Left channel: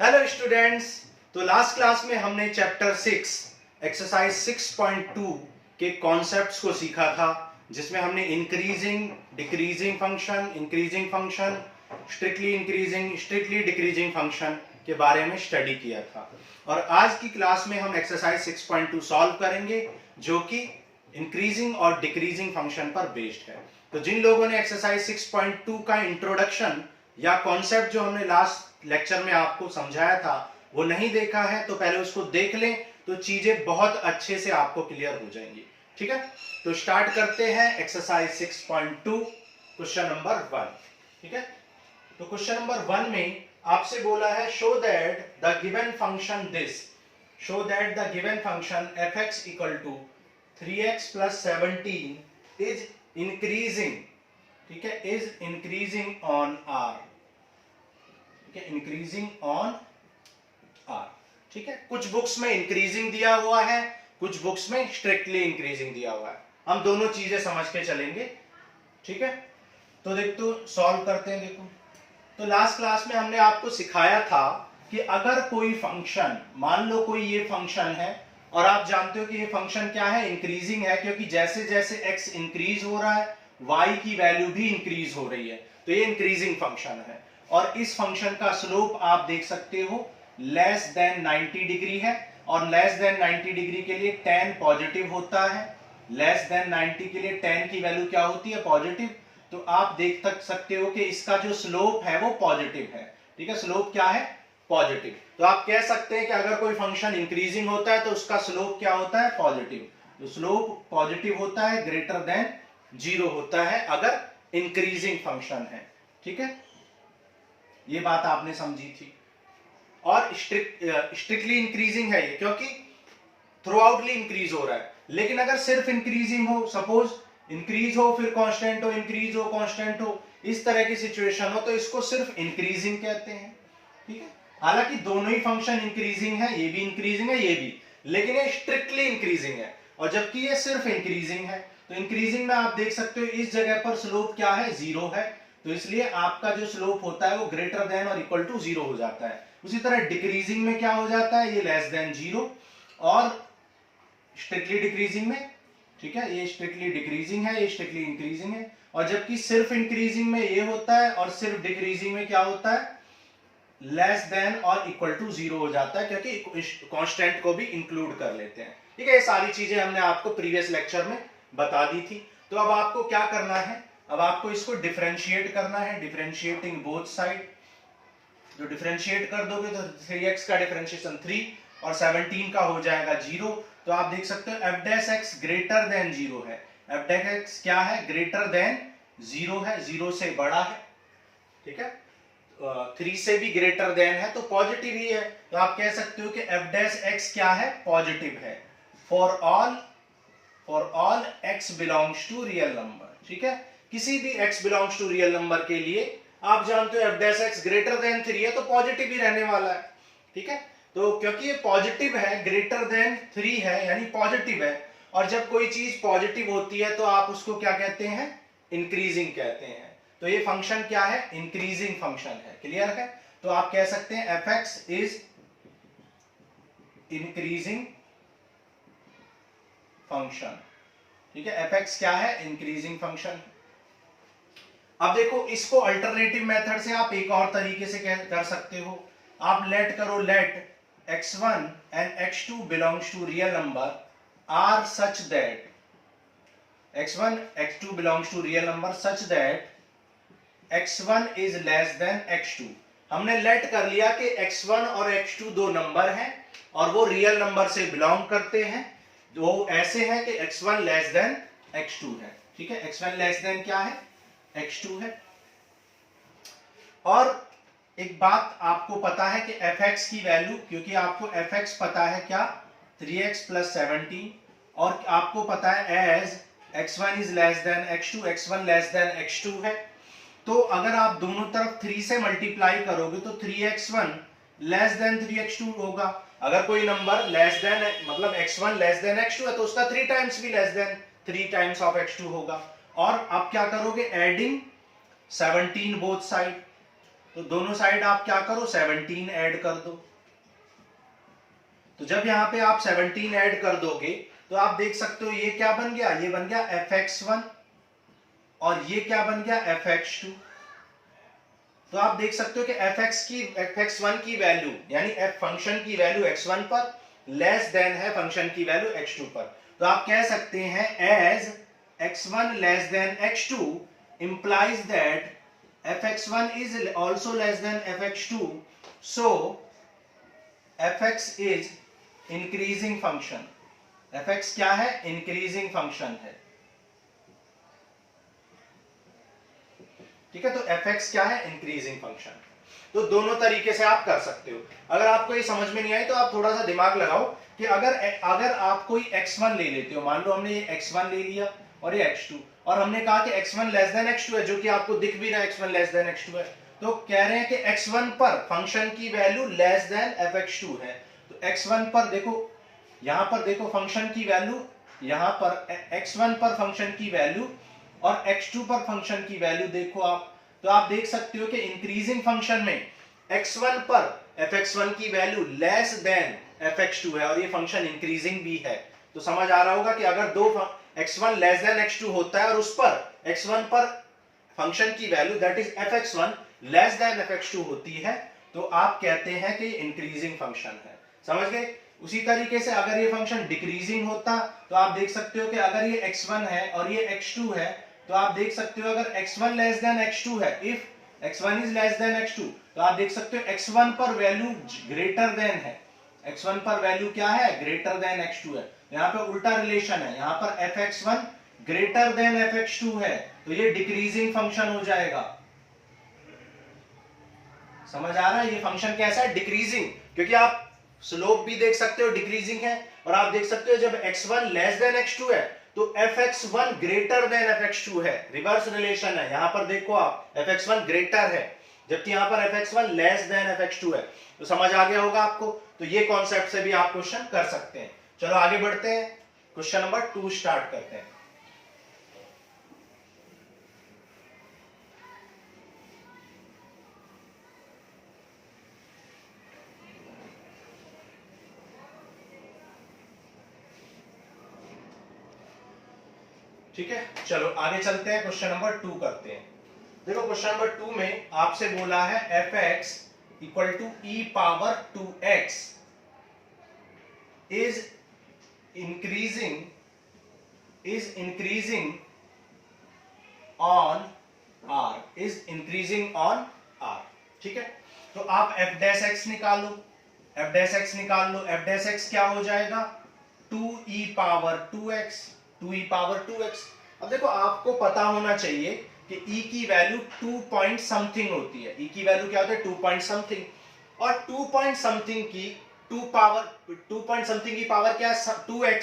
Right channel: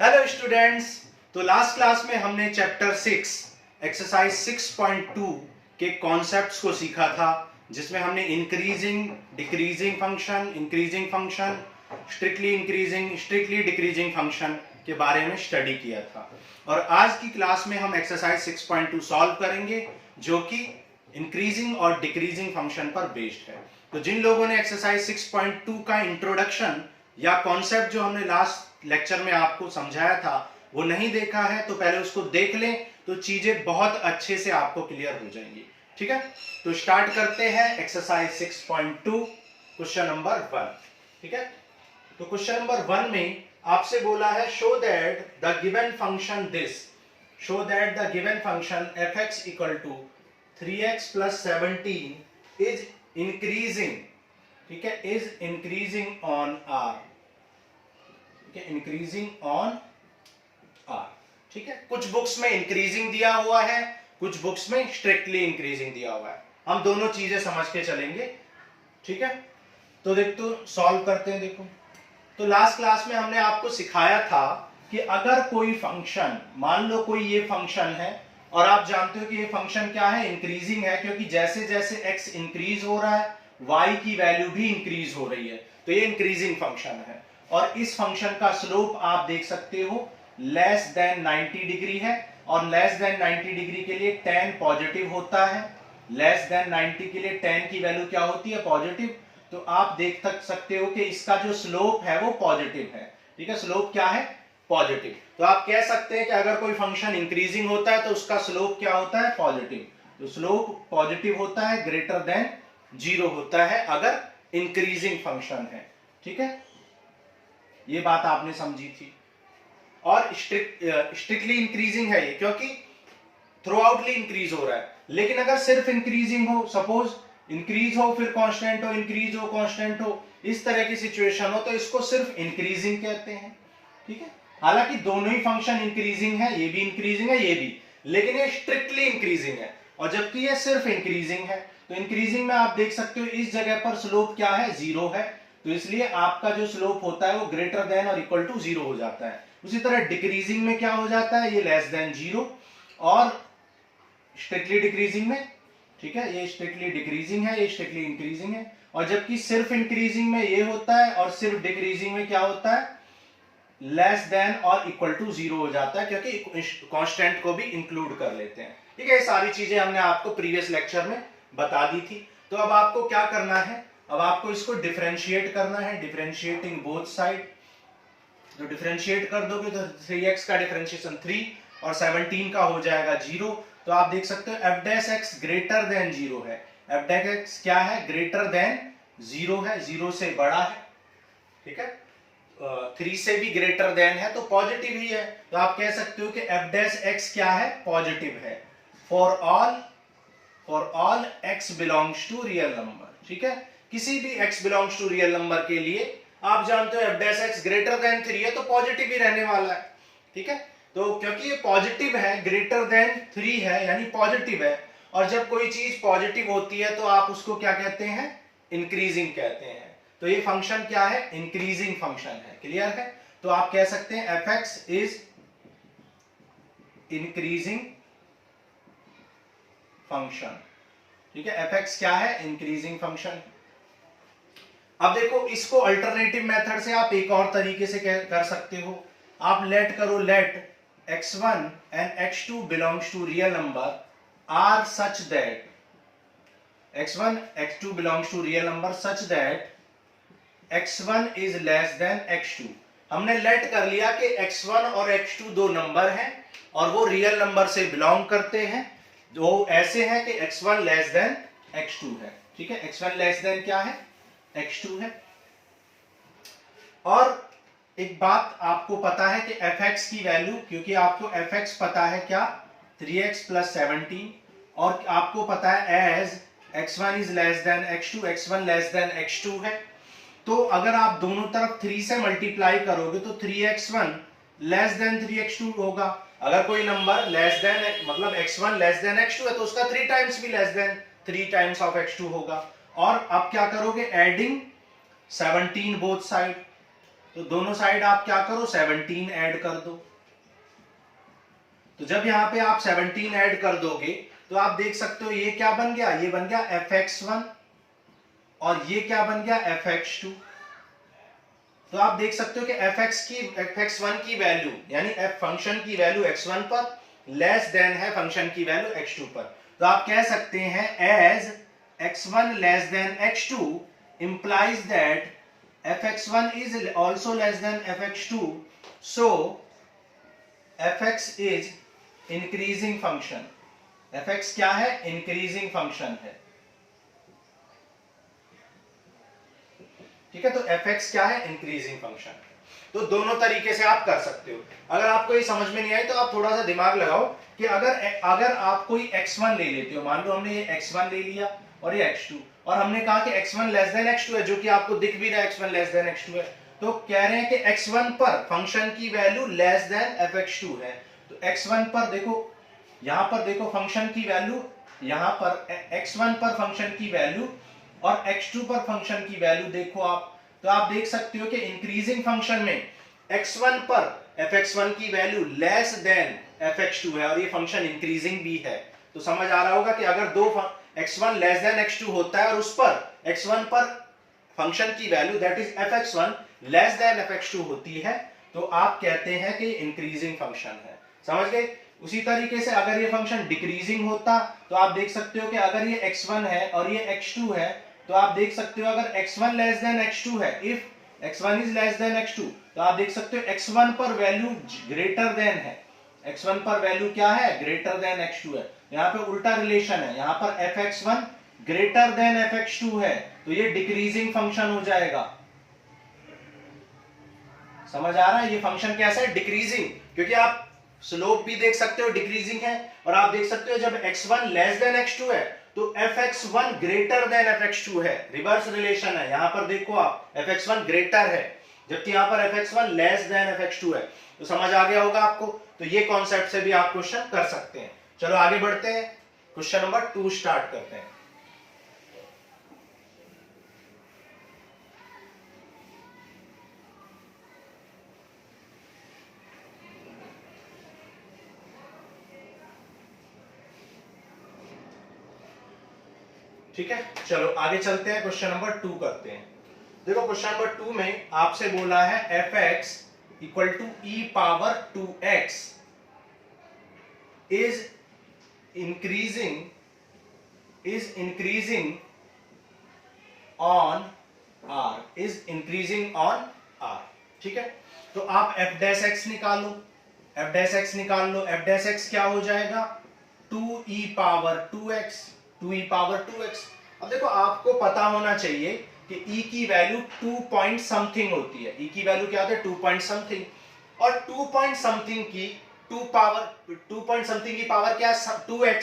Hello students. तो last class में हमने चैप्टर 6 एक्सरसाइज 6.2 के कॉन्सेप्ट्स को सीखा था, जिसमें हमने increasing decreasing function, strictly increasing strictly decreasing function के बारे में स्टडी किया था। और आज की क्लास में हम एक्सरसाइज 6.2 सॉल्व करेंगे, जो कि इंक्रीजिंग और डिक्रीजिंग फंक्शन पर बेस्ड है। तो जिन लोगों ने एक्सरसाइज 6.2 का इंट्रोडक्शन या कॉन्सेप्ट जो हमने लास्ट लेक्चर में आपको समझाया था वो नहीं देखा है, तो पहले उसको देख लें, तो चीजें बहुत अच्छे से आपको क्लियर हो जाएंगी। ठीक है, तो स्टार्ट करते हैं एक्सरसाइज 6.2 क्वेश्चन नंबर 1। ठीक है, तो क्वेश्चन नंबर 1 में आपसे बोला है show that the given function fx equal to 3x plus 17 is increasing, ठीक है, is increasing on r, increasing on R. ठीक है, कुछ बुक्स में इंक्रीजिंग दिया हुआ है, कुछ बुक्स में स्ट्रिक्टली इंक्रीजिंग दिया हुआ है। हम दोनों चीजें समझ के चलेंगे। ठीक है, तो देखो सॉल्व करते हैं। देखो, तो लास्ट क्लास में हमने आपको सिखाया था कि अगर कोई फंक्शन, मान लो कोई ये फंक्शन है और आप जानते हो कि ये फंक्शन क्या है, इंक्रीजिंग है, क्योंकि जैसे जैसे x इंक्रीज हो रहा है y की वैल्यू भी इंक्रीज हो रही है, तो ये इंक्रीजिंग फंक्शन है। और इस फंक्शन का स्लोप आप देख सकते हो लेस देन 90 डिग्री है, और लेस देन 90 डिग्री के लिए tan पॉजिटिव होता है। लेस देन 90 के लिए tan की वैल्यू क्या होती है, पॉजिटिव। तो आप देख सकते हो कि इसका जो स्लोप है वो पॉजिटिव है। ठीक है, स्लोप क्या है, पॉजिटिव। तो आप कह सकते हैं कि अगर कोई फंक्शन इंक्रीजिंग होता है तो उसका स्लोप क्या होता है, पॉजिटिव। तो स्लोप पॉजिटिव होता है, ग्रेटर देन 0 होता है अगर इंक्रीजिंग फंक्शन है। ठीक है, ये बात आपने समझी थी। और स्ट्रिक्टली इंक्रीजिंग है ये, क्योंकि थ्रू आउटली इंक्रीज हो रहा है। लेकिन अगर सिर्फ इंक्रीजिंग हो, सपोज इंक्रीज हो फिर कांस्टेंट हो, इंक्रीज हो कांस्टेंट हो, इस तरह की सिचुएशन हो, तो इसको सिर्फ इंक्रीजिंग कहते हैं। ठीक है, हालांकि दोनों ही फंक्शन इंक्रीजिंग है, ये भी इंक्रीजिंग है, ये भी, लेकिन ये स्ट्रिक्टली इंक्रीजिंग है, और जबकि ये सिर्फ इंक्रीजिंग है। तो इंक्रीजिंग में आप देख सकते हो इस जगह पर स्लोप क्या है, 0 है, तो इसलिए आपका जो स्लोप होता है वो ग्रेटर देन और इक्वल टू 0 हो जाता है। उसी तरह डिक्रीजिंग में क्या हो जाता है, ये लेस देन 0, और स्ट्रिक्टली डिक्रीजिंग में, ठीक है, ये स्ट्रिक्टली डिक्रीजिंग है, ये स्ट्रिक्टली इंक्रीजिंग है। और जबकि सिर्फ इंक्रीजिंग में ये होता है और सिर्फ डिक्रीजिंग में क्या होता है, लेस देन और इक्वल टू 0 हो जाता है, क्योंकि कांस्टेंट को भी इंक्लूड कर लेते हैं। ठीक है, ये सारी चीजें हमने आपको प्रीवियस लेक्चर में बता दी थी। तो अब आपको क्या करना है, अब आपको इसको डिफरेंशिएट करना है, डिफरेंशिएटिंग बोथ साइड। जो डिफरेंशिएट कर दोगे तो 3x का डिफरेंशिएशन 3 और 17 का हो जाएगा 0। तो आप देख सकते हो f dash x greater than 0 है। f डैश x क्या है, ग्रेटर देन 0 है, 0 से बड़ा है। ठीक है, 3 से भी ग्रेटर देन है तो पॉजिटिव ही है। तो आप कह सकते हो कि f डैश x क्या है, पॉजिटिव है for all x belongs to real number. ठीक है, किसी भी x belongs to real number के लिए आप जानते हो f dash x greater than 3 है तो पॉजिटिव ही रहने वाला है। ठीक है, तो क्योंकि ये पॉजिटिव है, ग्रेटर देन 3 है यानी पॉजिटिव है, और जब कोई चीज पॉजिटिव होती है तो आप उसको क्या कहते हैं, इंक्रीजिंग कहते हैं। तो ये फंक्शन क्या है, इंक्रीजिंग फंक्शन है। क्लियर है, तो आप कह सकते हैं fx इज इंक्रीजिंग फंक्शन। ठीक है, fx क्या है, इंक्रीजिंग फंक्शन। अब देखो, इसको अल्टरनेटिव मेथड से आप एक और तरीके से कर सकते हो। आप लेट करो, let x1 and x2 belongs to real number R such that x1 x2 belongs to real number such that x1 is less than x2। हमने लेट कर लिया कि x1 और x2 दो नंबर हैं और वो रियल नंबर से बिलोंग करते हैं। वो ऐसे हैं कि x1 लेस देन x2 है। ठीक है, x1 लेस देन क्या है, x2 है। और एक बात आपको पता है कि fx की वैल्यू, क्योंकि आपको fx पता है क्या, 3x प्लस 17, और आपको पता है as x1 is less than x2, x1 less than x2 है। तो अगर आप दोनों तरफ 3 से मल्टीप्लाई करोगे तो 3x1 लेस देन 3x2 होगा। अगर कोई नंबर लेस देन, मतलब x1 लेस देन x2 है तो उसका 3 टाइम्स भी less than 3 times of x2 होगा। और अब क्या करोगे, एडिंग 17 बोथ साइड, तो तो दोनों साइड आप क्या करो 17 ऐड कर दो। तो जब यहां पे आप 17 ऐड कर दोगे तो आप देख सकते हो ये क्या बन गया, ये बन गया fx1 और ये क्या बन गया fx2। तो आप देख सकते हो कि fx1 की वैल्यू यानी f फंक्शन की वैल्यू x1 पर लेस देन है फंक्शन की वैल्यू x2 पर। तो आप कह सकते हैं as x1 less than x2 implies that fx1 is also less than fx2, so fx is increasing function। fx क्या है, increasing function है, ठीक है। तो fx क्या है, इंक्रीजिंग फंक्शन। तो दोनों तरीके से आप कर सकते हो। अगर आपको ये समझ में नहीं आई तो आप थोड़ा सा दिमाग लगाओ कि अगर आप कोई x1 ले लेते हो, मान लो हमने ये x1 ले लिया और ये x2, और हमने कहा कि x1 लेस देन x2 है, जो कि आपको दिख भी रहा है x1 लेस देन x2 है, तो कह रहे हैं कि x1 पर फंक्शन की वैल्यू लेस देन fx2 है। तो x1 पर देखो, यहां पर देखो फंक्शन की वैल्यू, यहां पर x1 पर फंक्शन की वैल्यू और x2 पर फंक्शन की वैल्यू देखो आप, तो आप देख सकते हो कि इंक्रीजिंग फंक्शन में x1 पर fx1 की वैल्यू लेस देन fx2 है और ये फंक्शन इंक्रीजिंग भी है। तो समझ आ रहा होगा कि अगर दो x1 लेस देन x2 होता है और उस पर x1 पर फंक्शन की value that is fx1 less than fx2 होती है तो आप कहते हैं कि इंक्रीजिंग फंक्शन है। समझ गए। उसी तरीके से अगर ये फंक्शन डिक्रीजिंग होता तो आप देख सकते हो कि अगर ये x1 है और ये x2 है, तो आप देख सकते हो अगर x1 लेस देन x2 है, if x1 is less than x2, तो आप देख सकते हो x1 पर वैल्यू ग्रेटर देन है, x1 पर वैल्यू क्या है, ग्रेटर देन x2 है। यहाँ पे उल्टा रिलेशन है, यहाँ पर fx1 ग्रेटर देन fx2 है, तो ये डिक्रीजिंग फंक्शन हो जाएगा। समझ आ रहा है, ये फंक्शन कैसा है, डिक्रीजिंग, क्योंकि आप स्लोप भी देख सकते हो डिक्रीजिंग है, और आप देख सकते हो जब x1 लेस देन x2 है तो fx1 ग्रेटर देन fx2 है, रिवर्स रिलेशन है। यहां पर देखो आप fx1 ग्रेटर है जबकि यहां पर fx1 लेस देन fx2 है। तो समझ आ गया होगा आपको। तो ये कॉन्सेप्ट से भी आप क्वेश्चन कर सकते हैं। चलो आगे बढ़ते हैं, क्वेश्चन नंबर 2 स्टार्ट करते हैं। ठीक है, चलो आगे चलते हैं, क्वेश्चन नंबर 2 करते हैं। देखो क्वेश्चन नंबर 2 में आपसे बोला है fx equal to e power 2x is increasing on r। ठीक है, तो आप f डैश x निकालो, f डैश x क्या हो जाएगा, 2e power 2x, 2e power 2x। अब देखो आपको पता होना चाहिए कि e की वैल्यू 2 पॉइंट समथिंग होती है, e की वैल्यू क्या होती है, 2 पॉइंट समथिंग, और 2 पॉइंट समथिंग की 2 पॉइंट समथिंग की पावर क्या है, 2x,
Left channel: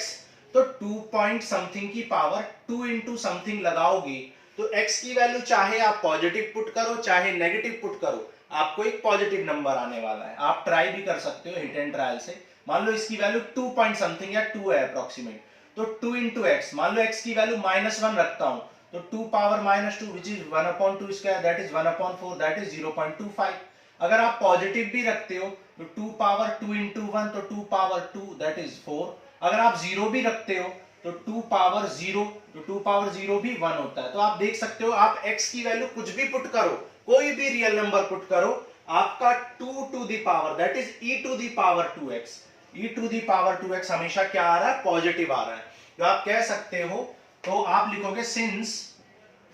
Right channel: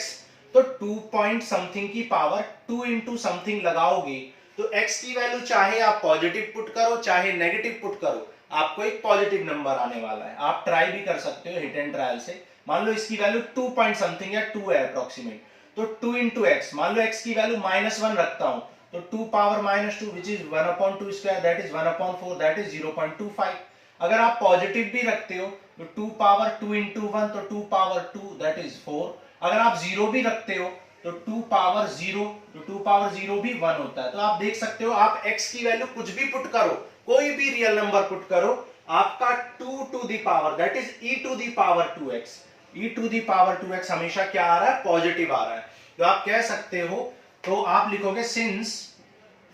तो 2 पॉइंट समथिंग की पावर 2 इंटू समथिंग लगाओगे तो x की वैल्यू चाहे आप पॉजिटिव पुट करो चाहे नेगेटिव पुट करो, आपको एक पॉजिटिव नंबर आने वाला है। आप ट्राई भी कर सकते हो हिट एंड ट्रायल से। मान लो इसकी वैल्यू 2 पॉइंट समथिंग या 2 है अप्रोक्सीमेट, तो 2 इंटू एक्स, मान लो x की वैल्यू -1 रखता हूं तो 2 power -2 which is 1/2 square that is 1/4 that is 0.25। अगर आप पॉजिटिव भी रखते हो तो 2 पावर 2 इंटू 1 तो 2 पावर 2 दैट इज 4। अगर आप 0 भी रखते हो तो 2 पावर 0, तो 2 पावर 0 भी 1 होता है। तो आप देख सकते हो आप x की वैल्यू कुछ भी पुट करो, कोई भी रियल नंबर पुट करो, आपका 2 to the power that is e to the power 2x, e to the power 2x हमेशा क्या आ रहा है, पॉजिटिव आ रहा है। तो आप कह सकते हो, तो आप लिखोगे सिंस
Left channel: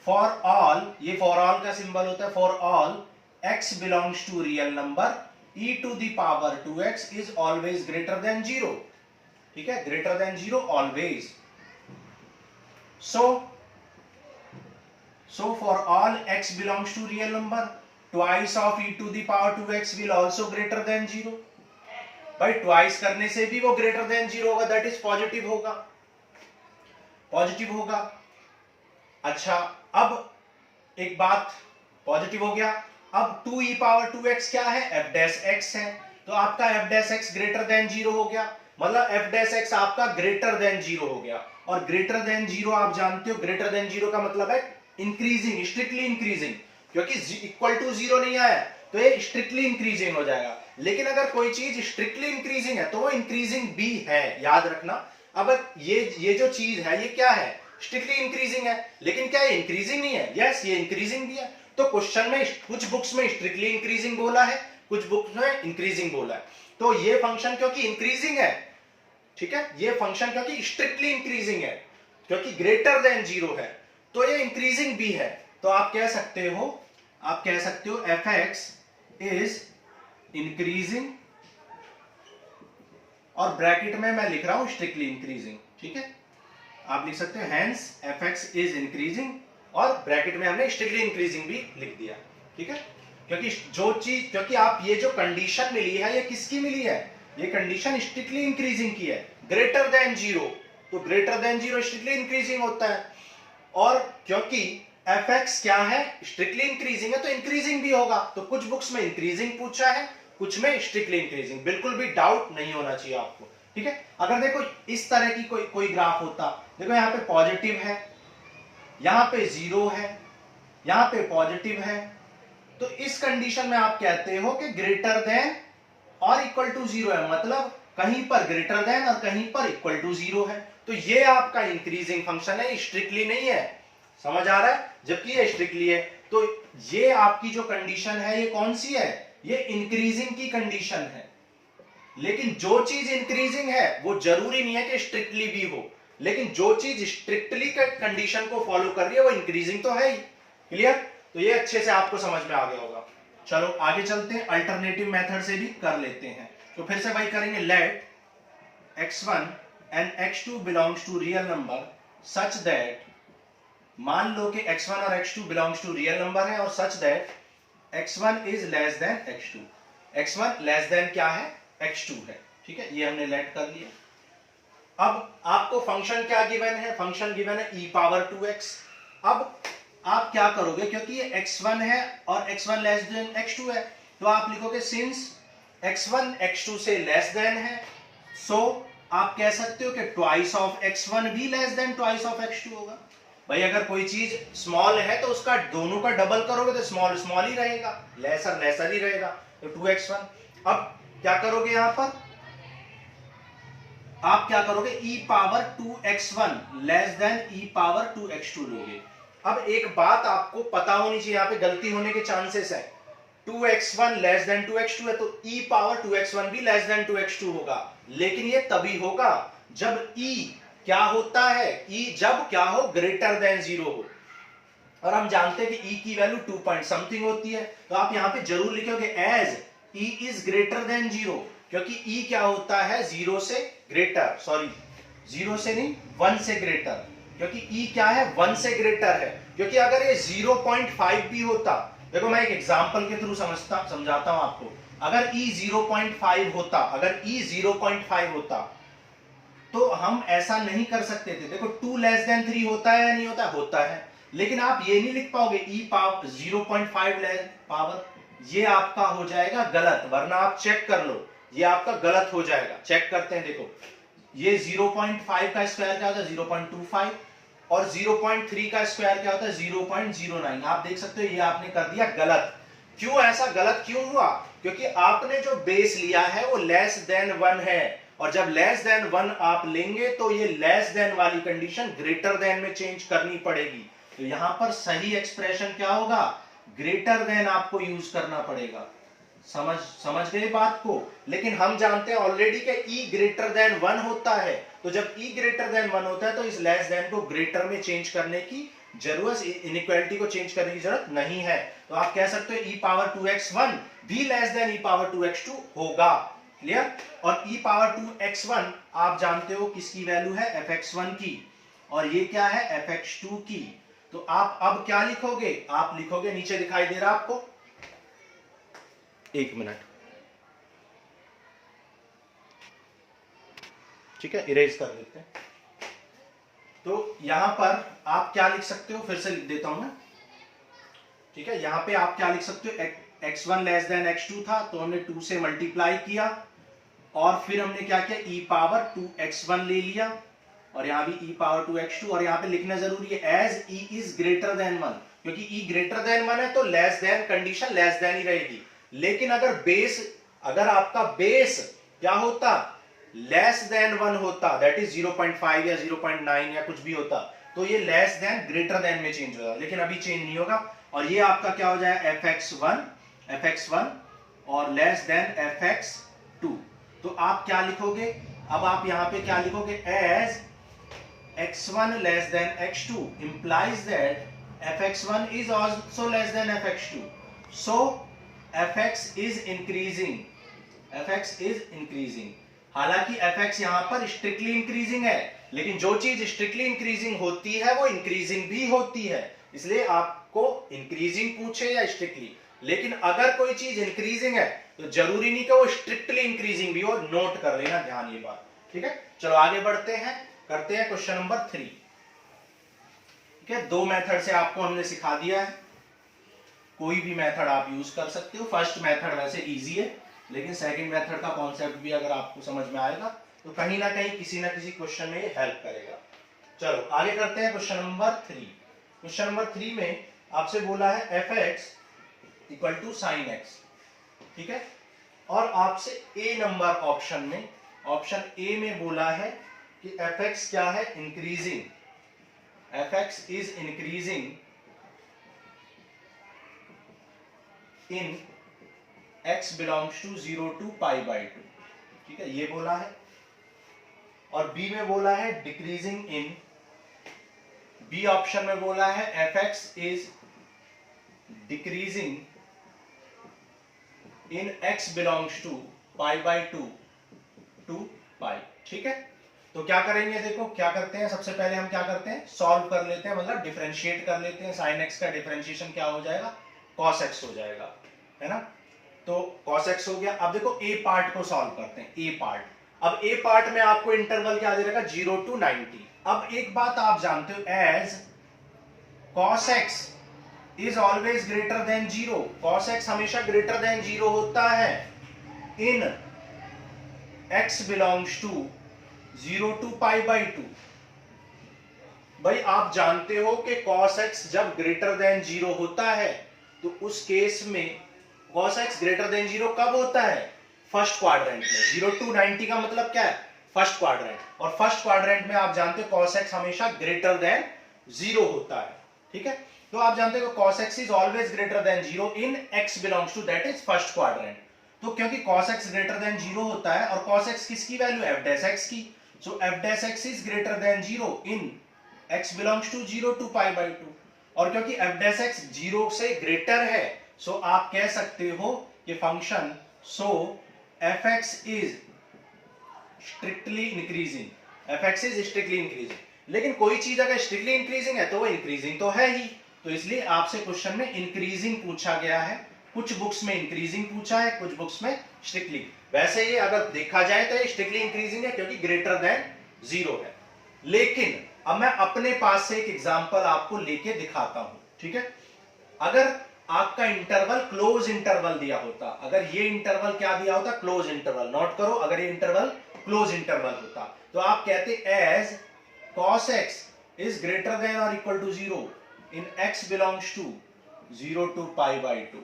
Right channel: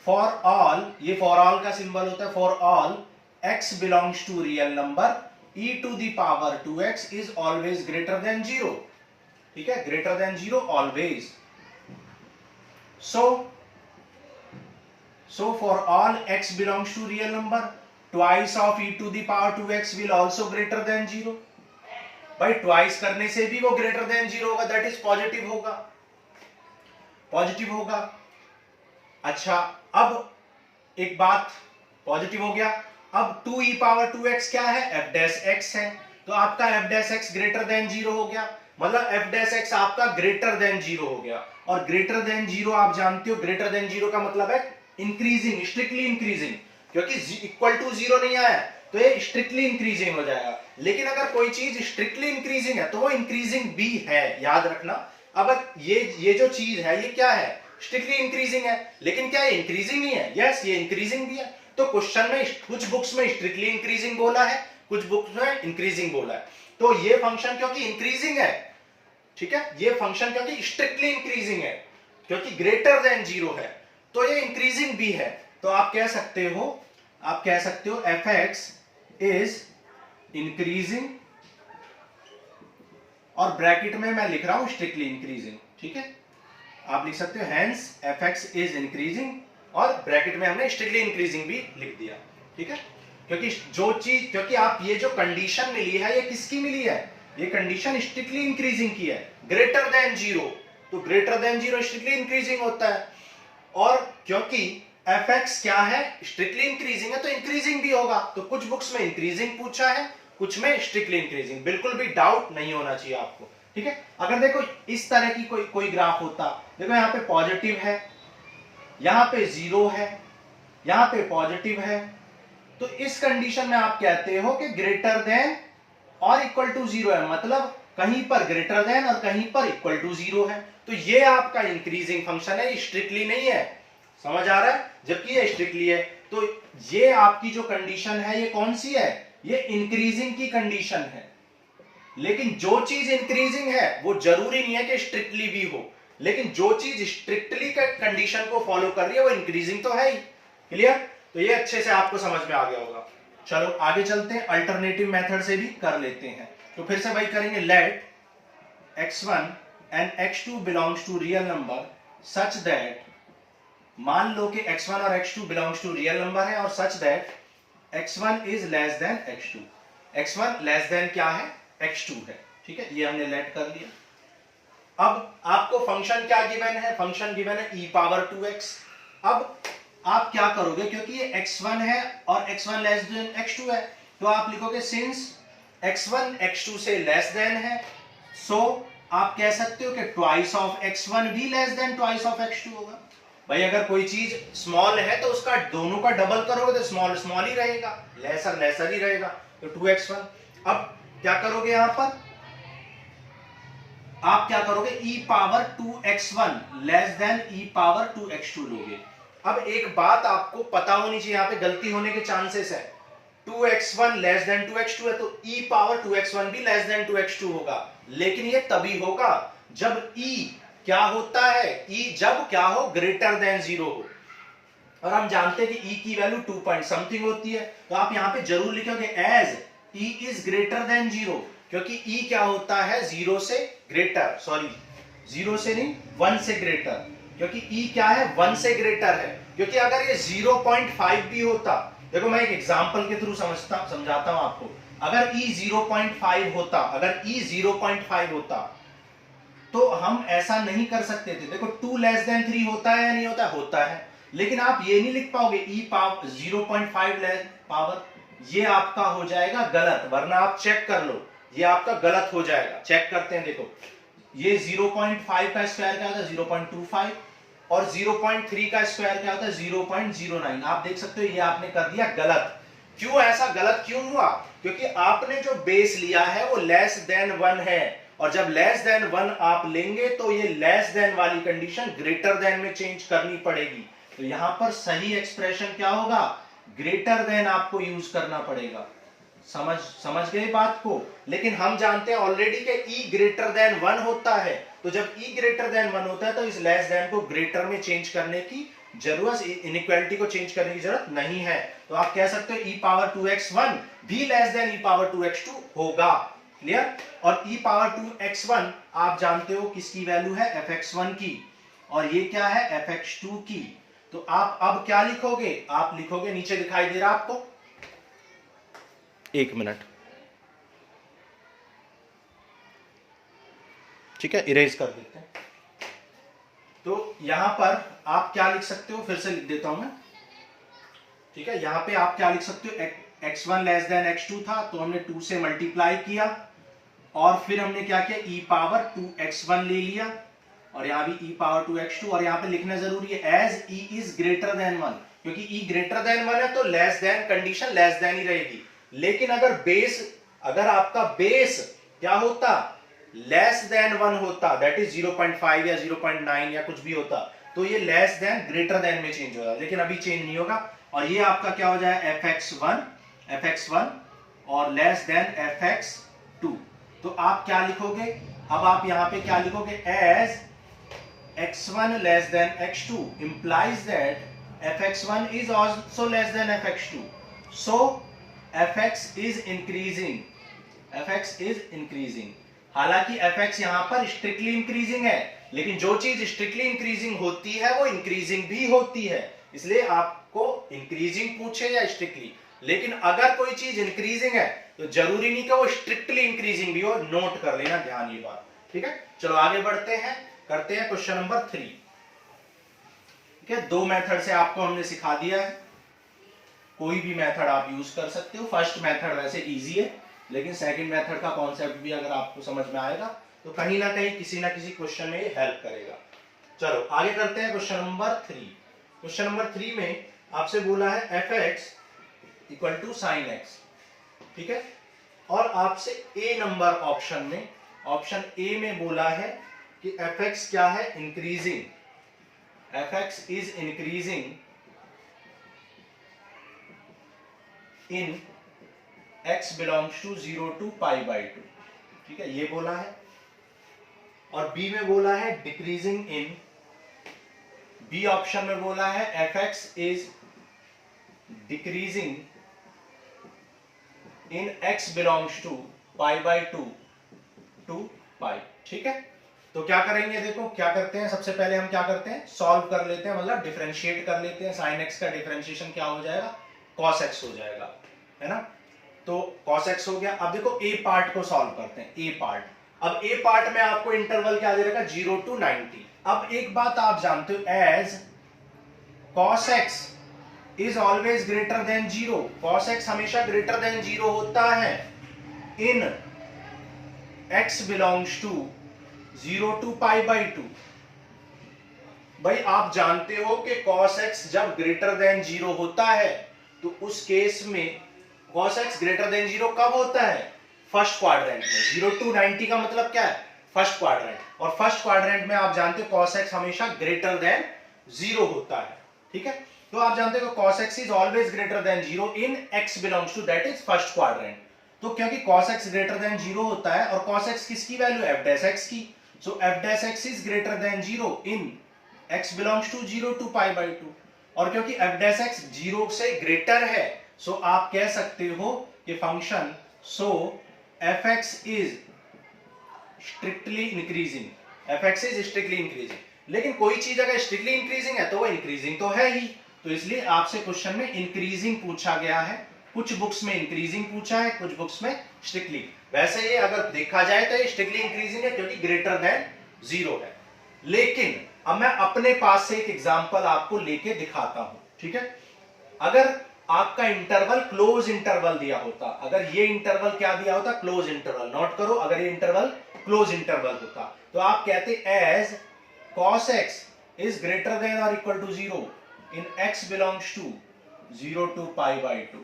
फॉर ऑल, ये फॉर ऑल का सिंबल होता है, for all x belongs to real number e to the power 2x is always greater than 0। ठीक है, greater than 0 always. So for all x belongs to real number twice of e to the power 2x will also greater than 0। भाई twice करने से भी वो greater than 0 होगा, that is positive होगा, positive होगा। अच्छा, अब एक बात, पॉजिटिव हो गया। अब 2e पावर 2x क्या है, f डैश x है, तो आपका f dash x greater than 0 हो गया, मतलब f डैश x आपका ग्रेटर देन 0 हो गया। और ग्रेटर देन 0 आप जानते हो, ग्रेटर देन 0 का मतलब है इंक्रीजिंग, स्ट्रिक्टली इंक्रीजिंग, क्योंकि इक्वल टू 0 नहीं आया तो ये स्ट्रिक्टली इंक्रीजिंग हो जाएगा। लेकिन अगर कोई चीज स्ट्रिक्टली इंक्रीजिंग है तो वो इंक्रीजिंग भी है, याद रखना। अब ये जो चीज है ये क्या है, स्ट्रिक्टली इंक्रीजिंग है, लेकिन क्या ये इंक्रीजिंग ही है? यस, ये इंक्रीजिंग भी है। तो क्वेश्चन में कुछ बुक्स में स्ट्रिक्टली इंक्रीजिंग बोला है, कुछ बुक्स में इंक्रीजिंग बोला है। तो ये फंक्शन क्योंकि इंक्रीजिंग है, ठीक है, ये फंक्शन क्योंकि स्ट्रिक्टली इंक्रीजिंग है, क्योंकि ग्रेटर देन 0 है, तो ये इंक्रीजिंग भी है। तो आप कह सकते हो एफ एक्स इज इंक्रीजिंग, और ब्रैकेट में मैं लिख रहा हूं स्ट्रिक्टली इंक्रीजिंग, ठीक है। आप लिख सकते हो hence F x is increasing, और ब्रैकेट में हमने स्ट्रिक्टली इंक्रीजिंग भी लिख दिया, ठीक है। क्योंकि आप ये जो कंडीशन मिली है ये किसकी मिली है, ये कंडीशन स्ट्रिक्टली इंक्रीजिंग की है, ग्रेटर देन 0। तो ग्रेटर देन 0 स्ट्रिक्टली इंक्रीजिंग होता है, और क्योंकि एफ एक्स क्या है, स्ट्रिक्टली इंक्रीजिंग है, तो इंक्रीजिंग भी होगा। तो कुछ बुक्स में इंक्रीजिंग पूछा है, कुछ में स्ट्रिक्टली इंक्रीजिंग। बिल्कुल भी डाउट नहीं होना चाहिए आपको, ठीक है। अगर देखो इस तरह की कोई ग्राफ होता, देखो यहाँ पे पॉजिटिव है, यहाँ पे 0 है, यहाँ पे पॉजिटिव है, तो इस कंडीशन में आप कहते हो कि ग्रेटर देन और इक्वल टू 0 है, मतलब कहीं पर ग्रेटर देन और कहीं पर इक्वल टू 0 है। तो ये आपका इंक्रीजिंग फंक्शन है, स्ट्रिक्टली नहीं है, समझ आ रहा है, जबकि ये स्ट्रिक्टली है। तो ये आपकी जो कंडीशन है ये कौन सी है, ये इंक्रीजिंग की कंडीशन है। लेकिन जो चीज इंक्रीजिंग है वो जरूरी नहीं है कि स्ट्रिक्टली भी हो, लेकिन जो चीज स्ट्रिक्टली कंडीशन को फॉलो कर रही है वो इंक्रीजिंग तो है ही। क्लियर? तो ये अच्छे से आपको समझ में आ गया होगा। चलो आगे चलते हैं, अल्टरनेटिव मेथड से भी कर लेते हैं। तो फिर से वही करेंगे, let x1 and x2 belongs to real number such that, मान लो कि x1 और x2 belongs to real number है, और सच that x1 is less than x2। x1 less then क्या है, x2 है, ठीक है, ये हमने लेट कर लिया। अब आपको फंक्शन क्या गिवन है, फंक्शन गिवन है e पावर 2x। अब आप क्या करोगे, क्योंकि ये x1 है और x1 लेस देन x2 है, तो आप लिखोगे सिंस x1 x2 से लेस देन है, सो आप कह सकते हो कि ट्वाइस ऑफ x1 भी less than twice of x2 होगा। भाई अगर कोई चीज स्मॉल है तो उसका दोनों का डबल करोगे तो स्मॉल स्मॉल ही रहेगा, लेसर लेसर ही रहेगा, तो 2x1। अब क्या करोगे, यहां पर आप क्या करोगे, e power 2x1 less than e power 2x2 लोगे। अब एक बात आपको पता होनी चाहिए, यहां पे गलती होने के चांसेस है। 2x1 लेस देन 2x2 है, तो e पावर 2x1 भी लेस देन 2x2 होगा, लेकिन ये तभी होगा जब e क्या होता है, e जब क्या हो, ग्रेटर देन 0 हो। और हम जानते हैं कि e की वैल्यू 2 पॉइंट समथिंग होती है, तो आप यहां पे जरूर लिखोगे as e is greater than 0, क्योंकि e क्या होता है, 0 से ग्रेटर, सॉरी 0 से नहीं 1 से ग्रेटर, क्योंकि e क्या है, 1 से ग्रेटर है। क्योंकि अगर ये 0.5 भी होता, देखो मैं एक एग्जांपल के थ्रू समझाता हूं आपको। अगर e 0.5 होता, अगर e 0.5 होता तो हम ऐसा नहीं कर सकते थे। देखो 2 लेस देन 3 होता है या नहीं होता, होता है, लेकिन आप ये नहीं लिख पाओगे e पावर 0.5 लेस पावर, ये आपका हो जाएगा गलत, वरना आप चेक कर लो, ये आपका गलत हो जाएगा। चेक करते हैं, देखो ये 0.5 का स्क्वायर क्या होता है, 0.25, और 0.3 का स्क्वायर क्या होता है, 0.09। आप देख सकते हो ये आपने कर दिया गलत। क्यों ऐसा गलत क्यों हुआ, क्योंकि आपने जो बेस लिया है वो लेस देन 1 है, और जब लेस देन 1 आप लेंगे तो ये लेस देन वाली कंडीशन ग्रेटर देन में चेंज करनी पड़ेगी। तो यहां पर सही एक्सप्रेशन क्या होगा, ग्रेटर देन आपको यूज करना पड़ेगा। समझ गए बात को? लेकिन हम जानते हैं ऑलरेडी कि e ग्रेटर देन 1 होता है, तो जब e ग्रेटर देन 1 होता है तो इस लेस देन को ग्रेटर में चेंज करने की जरूरत, इनइक्वालिटी को चेंज करने की जरूरत नहीं है। तो आप कह सकते हो e पावर 2x1 भी less than e power 2x2 होगा। क्लियर? और e पावर 2x1 आप जानते हो किसकी वैल्यू है, fx1 की, और ये क्या है, fx2 की। तो आप अब क्या लिखोगे, आप लिखोगे, नीचे दिखाई दे रहा आपको, एक मिनट, ठीक है, इरेज कर देते हैं। तो यहां पर आप क्या लिख सकते हो, फिर से लिख देता हूं मैं, ठीक है। यहां पे आप क्या लिख सकते हो, x1 लेस देन x2 था, तो हमने 2 से मल्टीप्लाई किया, और फिर हमने क्या किया, e पावर 2x1 ले लिया, और यहां भी e पावर 2x2, और यहां पे लिखना जरूरी है as e is greater than 1, क्योंकि e ग्रेटर देन 1 है तो less than condition less than ही रहेगी, लेकिन अगर आपका बेस क्या होता, लेस देन 1 होता, दैट इज 0.5 या 0.9 या कुछ भी होता, तो ये लेस देन ग्रेटर देन में चेंज होगा, लेकिन अभी चेंज नहीं होगा। और ये आपका क्या हो जाए, fx1 और लेस देन fx2। तो आप क्या लिखोगे, अब आप यहां पे क्या लिखोगे, as x1 less than x2 implies that fx1 is also less than fx2, so fx is increasing। हालांकि fx यहां पर स्ट्रिक्टली इंक्रीजिंग है, लेकिन जो चीज स्ट्रिक्टली इंक्रीजिंग होती है वो इंक्रीजिंग भी होती है, इसलिए आपको इंक्रीजिंग पूछे या स्ट्रिक्टली, लेकिन अगर कोई चीज इंक्रीजिंग है तो जरूरी नहीं कि वो स्ट्रिक्टली इंक्रीजिंग भी हो, नोट कर लेना, ध्यान ये बात, ठीक है। चलो आगे बढ़ते हैं, करते हैं क्वेश्चन नंबर 3। ठीक है, 2 मेथड से आपको हमने सिखा दिया है, कोई भी मेथड आप यूज कर सकते हो। फर्स्ट मेथड वैसे इजी है, लेकिन सेकंड मेथड का कॉन्सेप्ट भी अगर आपको समझ में आएगा तो कहीं ना कहीं किसी ना किसी क्वेश्चन में हेल्प करेगा। चलो आगे करते हैं क्वेश्चन नंबर 3। क्वेश्चन नंबर 3 में आपसे बोला है fx equal to sine x, ठीक है, और आपसे ए नंबर ऑप्शन ए में बोला है कि fx क्या है, increasing, fx is increasing in x belongs to 0 to π/2, ठीक है, ये बोला है। और बी में बोला है डिक्रीजिंग इन, बी ऑप्शन में बोला है fx is decreasing in x belongs to π/2 to π, ठीक है। तो क्या करेंगे, देखो क्या करते हैं, सबसे पहले हम क्या करते हैं, सॉल्व कर लेते हैं, मतलब डिफरेंशिएट कर लेते हैं। साइन x का डिफरेंशिएशन क्या हो जाएगा, cos x हो जाएगा, है ना। तो cos x हो गया। अब देखो ए पार्ट को सॉल्व करते हैं, ए पार्ट। अब ए पार्ट में आपको इंटरवल क्या दे रखा, 0 टू 90। अब एक बात आप जानते हो, as cos x is always greater than 0, cos x हमेशा ग्रेटर देन 0 होता है in x belongs to 0 to π/2। भाई आप जानते हो कि cos x जब ग्रेटर देन 0 होता है तो उस केस में cos x ग्रेटर देन 0 कब होता है, फर्स्ट क्वाड्रेंट में। 0 टू 90 का मतलब क्या है, फर्स्ट क्वाड्रेंट, और फर्स्ट क्वाड्रेंट में आप जानते हो cos x हमेशा ग्रेटर देन 0 होता है, ठीक है। तो आप जानते हो cos x is always greater than 0 in x belongs to, that is first quadrant. तो क्योंकि cos x ग्रेटर देन 0 होता है, और cos x किसकी वैल्यू, f डैश x की, so f dash x is greater than 0 in x belongs to 0 to π/2। और क्योंकि f डैश x 0 से ग्रेटर है, सो आप कह सकते हो कि function so fx is strictly increasing, fx is strictly increasing. लेकिन कोई चीज अगर स्ट्रिक्टली इंक्रीजिंग है तो वो इंक्रीजिंग तो है ही, तो इसलिए आपसे क्वेश्चन में इंक्रीजिंग पूछा गया है। कुछ बुक्स में इंक्रीजिंग पूछा है, कुछ बुक्स में स्ट्रिक्टली। वैसे ये अगर देखा जाए तो ये स्ट्रिक्टली इंक्रीजिंग है क्योंकि ग्रेटर देन 0 है। लेकिन अब मैं अपने पास से एक एग्जांपल आपको लेके दिखाता हूं, ठीक है। अगर आपका इंटरवल क्लोज इंटरवल दिया होता, अगर ये इंटरवल क्या दिया होता, क्लोज इंटरवल, नोट करो, अगर ये इंटरवल क्लोज इंटरवल होता तो आप कहते as cos x is greater than or equal to 0 in x belongs to 0 to π/2।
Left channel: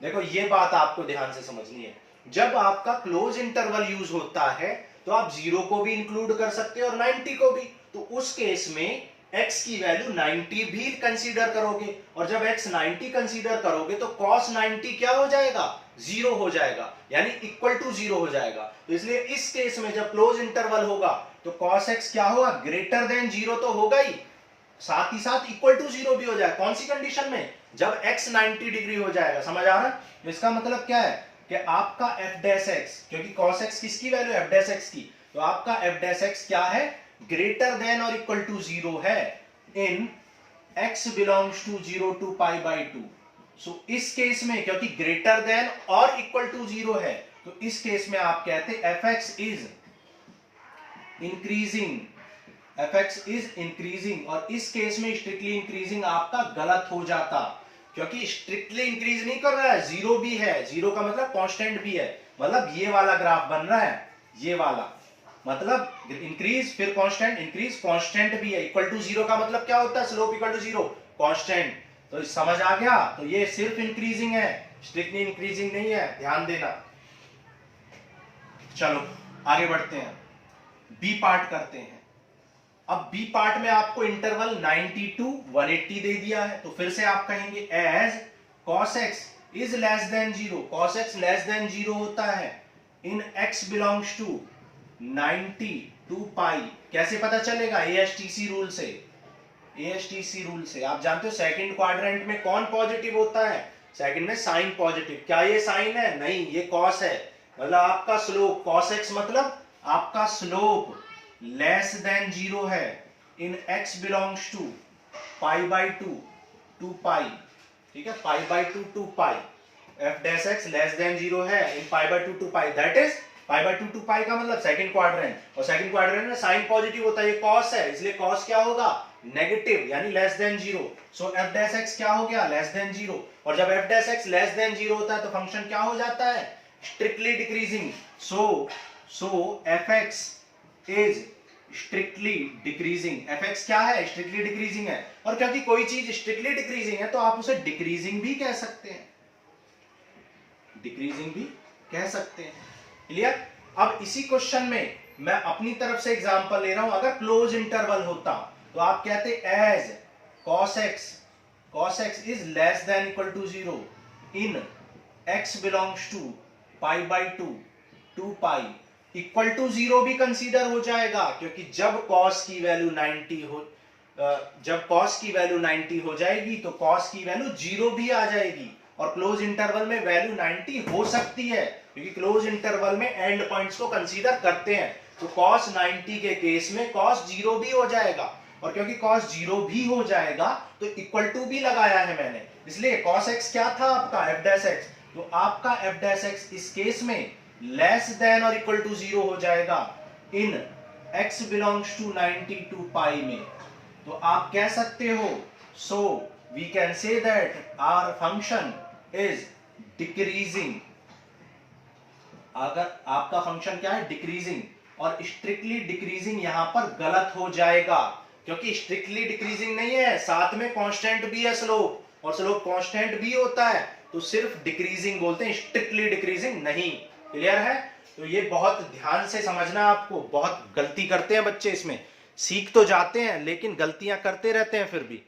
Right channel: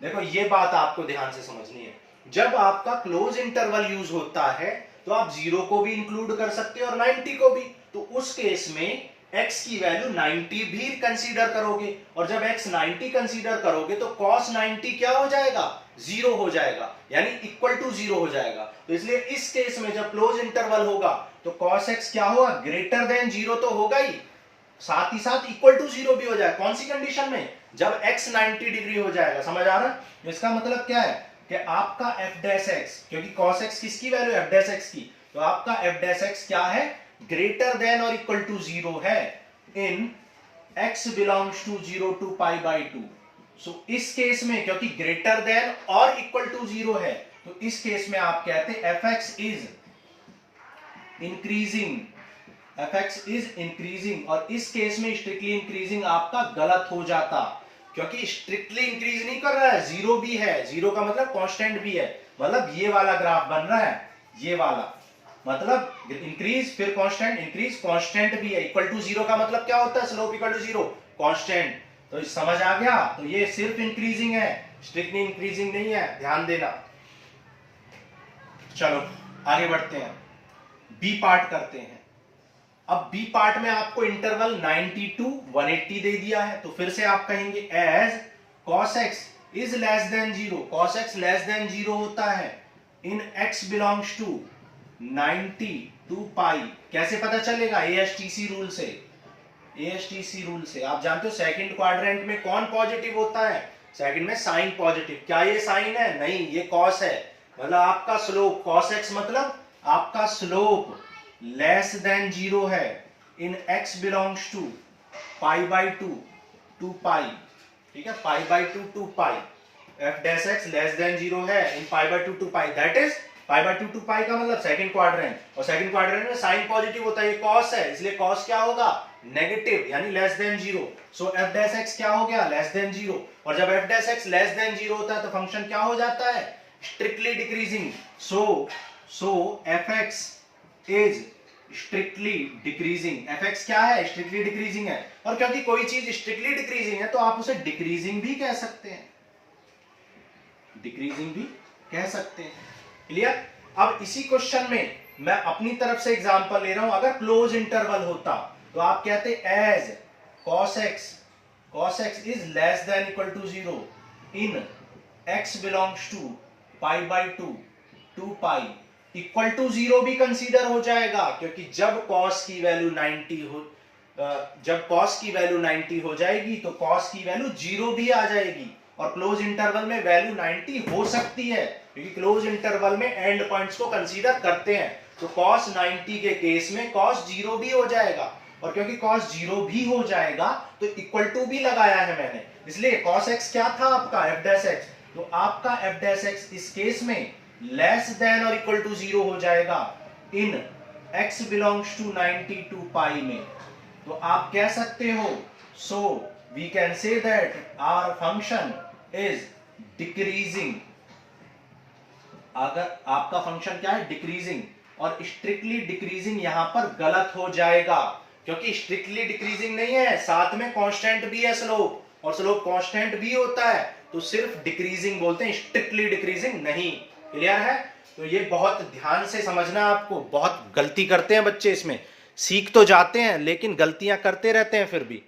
देखो ये बात आपको ध्यान से समझनी है, जब आपका क्लोज इंटरवल यूज होता है तो आप 0 को भी इंक्लूड कर सकते हो और 90 को भी। तो उस केस में x की वैल्यू 90 भी कंसीडर करोगे, और जब x 90 कंसीडर करोगे तो cos 90 क्या हो जाएगा, 0 हो जाएगा, यानी इक्वल टू 0 हो जाएगा। तो इसलिए इस केस में जब क्लोज इंटरवल होगा तो cos x क्या होगा, ग्रेटर देन 0 तो होगा ही, साथ ही साथ इक्वल टू 0 भी हो जाएगा। कौन सी कंडीशन में, जब x 90 डिग्री हो जाएगा, समझ आ रहा। इसका मतलब क्या है कि आपका f डैश x, क्योंकि cos x किसकी वैल्यू, f डैश x की, तो आपका f डैश x क्या है, ग्रेटर देन और इक्वल टू 0 है in x belongs to 0 to π/2। सो इस केस में क्योंकि ग्रेटर देन और इक्वल टू 0 है, तो इस केस में आप कहते fx is increasing, fx is increasing, और इस केस में स्ट्रिक्टली इंक्रीजिंग आपका गलत हो जाता, क्योंकि स्ट्रिक्टली इंक्रीज नहीं कर रहा है, 0 भी है, 0 का मतलब कांस्टेंट भी है, मतलब ये वाला ग्राफ बन रहा है, ये वाला मतलब इंक्रीज फिर कांस्टेंट, इंक्रीज कांस्टेंट भी है। इक्वल टू 0 का मतलब क्या होता है, स्लोप इक्वल टू 0, कांस्टेंट। तो समझ आ गया, तो ये सिर्फ इंक्रीजिंग है, स्ट्रिक्टली इंक्रीजिंग नहीं है, ध्यान देना। चलो आगे बढ़ते हैं, बी पार्ट करते हैं। अब बी पार्ट में आपको इंटरवल 90 टू 180 दे दिया है, तो फिर से आप कहेंगे as cos x is less than 0, cos x less than 0 होता है in x belongs to 90 to pi. कैसे पता चलेगा? ASTC रूल से। ASTC रूल से आप जानते हो सेकंड क्वाड्रेंट में कौन पॉजिटिव होता है? सेकंड में साइन पॉजिटिव। क्या ये साइन है? नहीं, ये कॉस है। मतलब आपका स्लोप cos x मतलब आपका स्लोप लेस देन 0 है in x belongs to pi by 2 to pi. ठीक है, pi by 2 to pi. f dash x less than 0 है in pi by 2 to pi, that is pi by 2 to pi का मतलब second quadrant, और second quadrant में sine positive होता है, ये cos है, इसलिए cos क्या होगा? नेगेटिव, यानी लेस देन 0। सो f डैश x क्या हो गया? Less than 0। और जब f dash x less than 0 होता है तो फंक्शन क्या हो जाता है? Strictly decreasing. So fx is strictly decreasing. fx क्या है? स्ट्रिक्टली डिक्रीजिंग है। और क्योंकि कोई चीज स्ट्रिक्टली डिक्रीजिंग है तो आप उसे डिक्रीजिंग भी कह सकते हैं, डिक्रीजिंग भी कह सकते हैं। क्लियर? अब इसी क्वेश्चन में मैं अपनी तरफ से एग्जांपल ले रहा हूं। अगर क्लोज इंटरवल होता तो आप कहते as cos x is less than equal to 0 in x belongs to pi by 2 to pi. Equal to 0 भी कंसीडर हो जाएगा, क्योंकि जब cos की वैल्यू 90 हो जाएगी तो cos की वैल्यू 0 भी आ जाएगी। और क्लोज इंटरवल में वैल्यू 90 हो सकती है, क्योंकि क्लोज इंटरवल में एंड पॉइंट्स को कंसीडर करते हैं। तो cos 90 के केस में cos 0 भी हो जाएगा, और क्योंकि cos 0 भी हो जाएगा तो इक्वल टू भी लगाया है मैंने, इसलिए cos x क्या था आपका? f dash x। तो आपका f डैश x इस केस में लेस देन और इक्वल टू 0 हो जाएगा in x belongs to 90 to pi में। तो आप कह सकते हो, so we can say that our function is decreasing. अगर आपका फंक्शन क्या है? डिक्रीजिंग। और स्ट्रिक्टली डिक्रीजिंग यहां पर गलत हो जाएगा, क्योंकि स्ट्रिक्टली डिक्रीजिंग नहीं है, साथ में कांस्टेंट भी है स्लोप, और स्लोप कांस्टेंट भी होता है, तो सिर्फ डिक्रीजिंग बोलते हैं, स्ट्रिक्टली डिक्रीजिंग नहीं। क्लियर है? तो ये बहुत ध्यान से समझना है आपको। बहुत गलती करते हैं बच्चे इसमें, सीख तो जाते हैं लेकिन गलतियां करते रहते हैं फिर भी।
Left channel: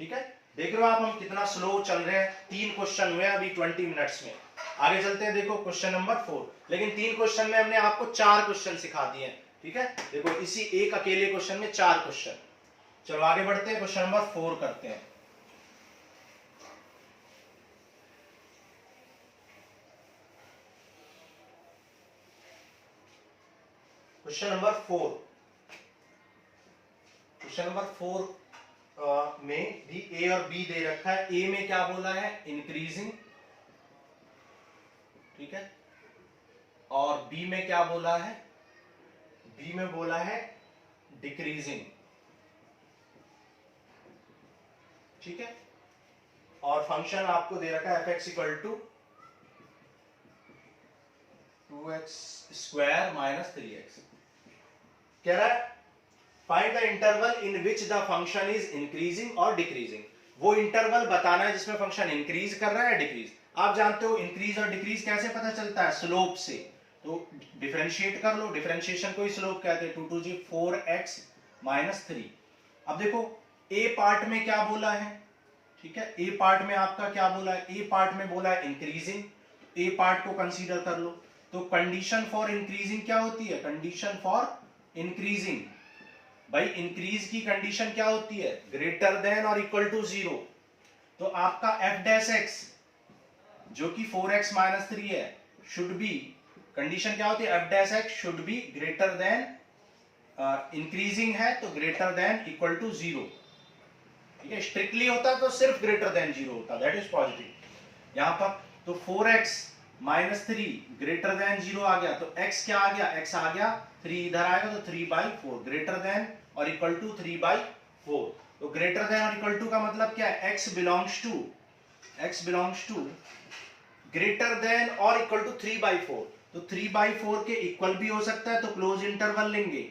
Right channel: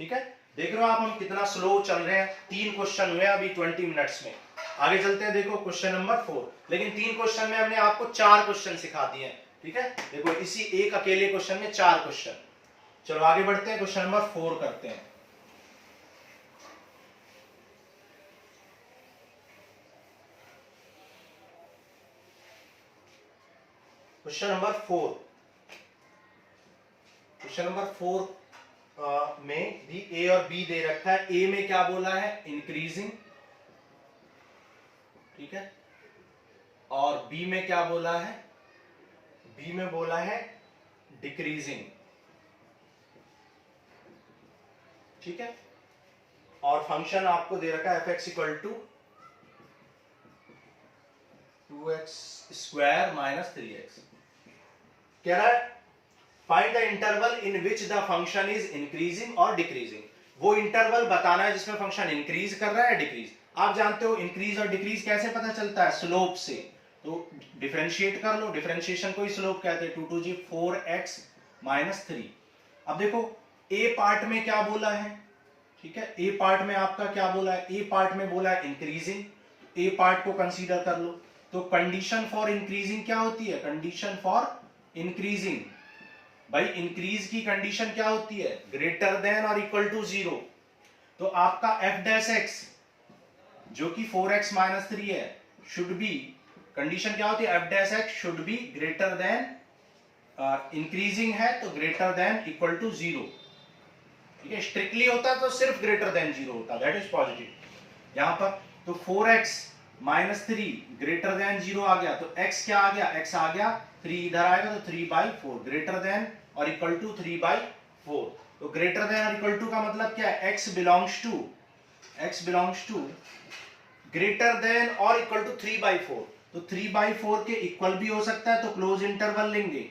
ठीक है, देख रहे हो आप हम कितना स्लो चल रहे हैं। 3 क्वेश्चन हुए अभी 20 मिनट्स में। आगे चलते हैं, देखो क्वेश्चन नंबर 4। लेकिन 3 क्वेश्चन में हमने आपको 4 क्वेश्चन सिखा दिए हैं। ठीक है, देखो इसी एक अकेले क्वेश्चन में 4 क्वेश्चन। चलो आगे बढ़ते हैं, क्वेश्चन नंबर 4 करते हैं। क्वेश्चन नंबर 4, क्वेश्चन नंबर 4 में भी ए और बी दे रखा है। ए में क्या बोला है? इंक्रीजिंग। ठीक है, और बी में क्या बोला है? बी में बोला है डिक्रीजिंग। ठीक है, और फंक्शन आपको दे रखा है f(x) equal to 2x square minus 3x। कह रहा है find the interval in which the function is increasing और डिक्रीजिंग। वो इंटरवल बताना है जिसमें फंक्शन इंक्रीज कर रहा है, डिक्रीज। आप जानते हो इंक्रीज और डिक्रीज कैसे पता चलता है? स्लोप से। तो डिफरेंशिएट कर लो, डिफरेंशिएशन को ही स्लोप कहते हैं। 2 टू जी 4x माइनस 3। अब देखो ए पार्ट में क्या बोला है? ठीक है, ए पार्ट में आपका क्या बोला है? ए पार्ट में बोला है इंक्रीजिंग। ए पार्ट को कंसीडर कर लो। तो कंडीशन फॉर इंक्रीजिंग क्या होती है? कंडीशन फॉर इंक्रीजिंग, भाई इंक्रीज की कंडीशन क्या होती है? ग्रेटर देन और इक्वल टू 0। तो आपका f डैश x जो कि 4x माइनस 3 है शुड बी, कंडीशन क्या होती है? f dash x should be greater than, increasing है तो ग्रेटर देन इक्वल टू 0। ठीक है, स्ट्रिक्टली होता है तो सिर्फ ग्रेटर देन 0 होता है, दैट इज पॉजिटिव। यहां पर तो 4x माइनस 3 ग्रेटर देन 0 आ गया, तो x क्या आ गया? x आ गया, 3 इधर आएगा तो 3/4 ग्रेटर देन और इक्वल टू 3/4। तो ग्रेटर देन और इक्वल टू का मतलब क्या है? x belongs to greater than और इक्वल टू 3/4। तो 3/4 के इक्वल भी हो सकता है, तो क्लोज इंटरवल लेंगे,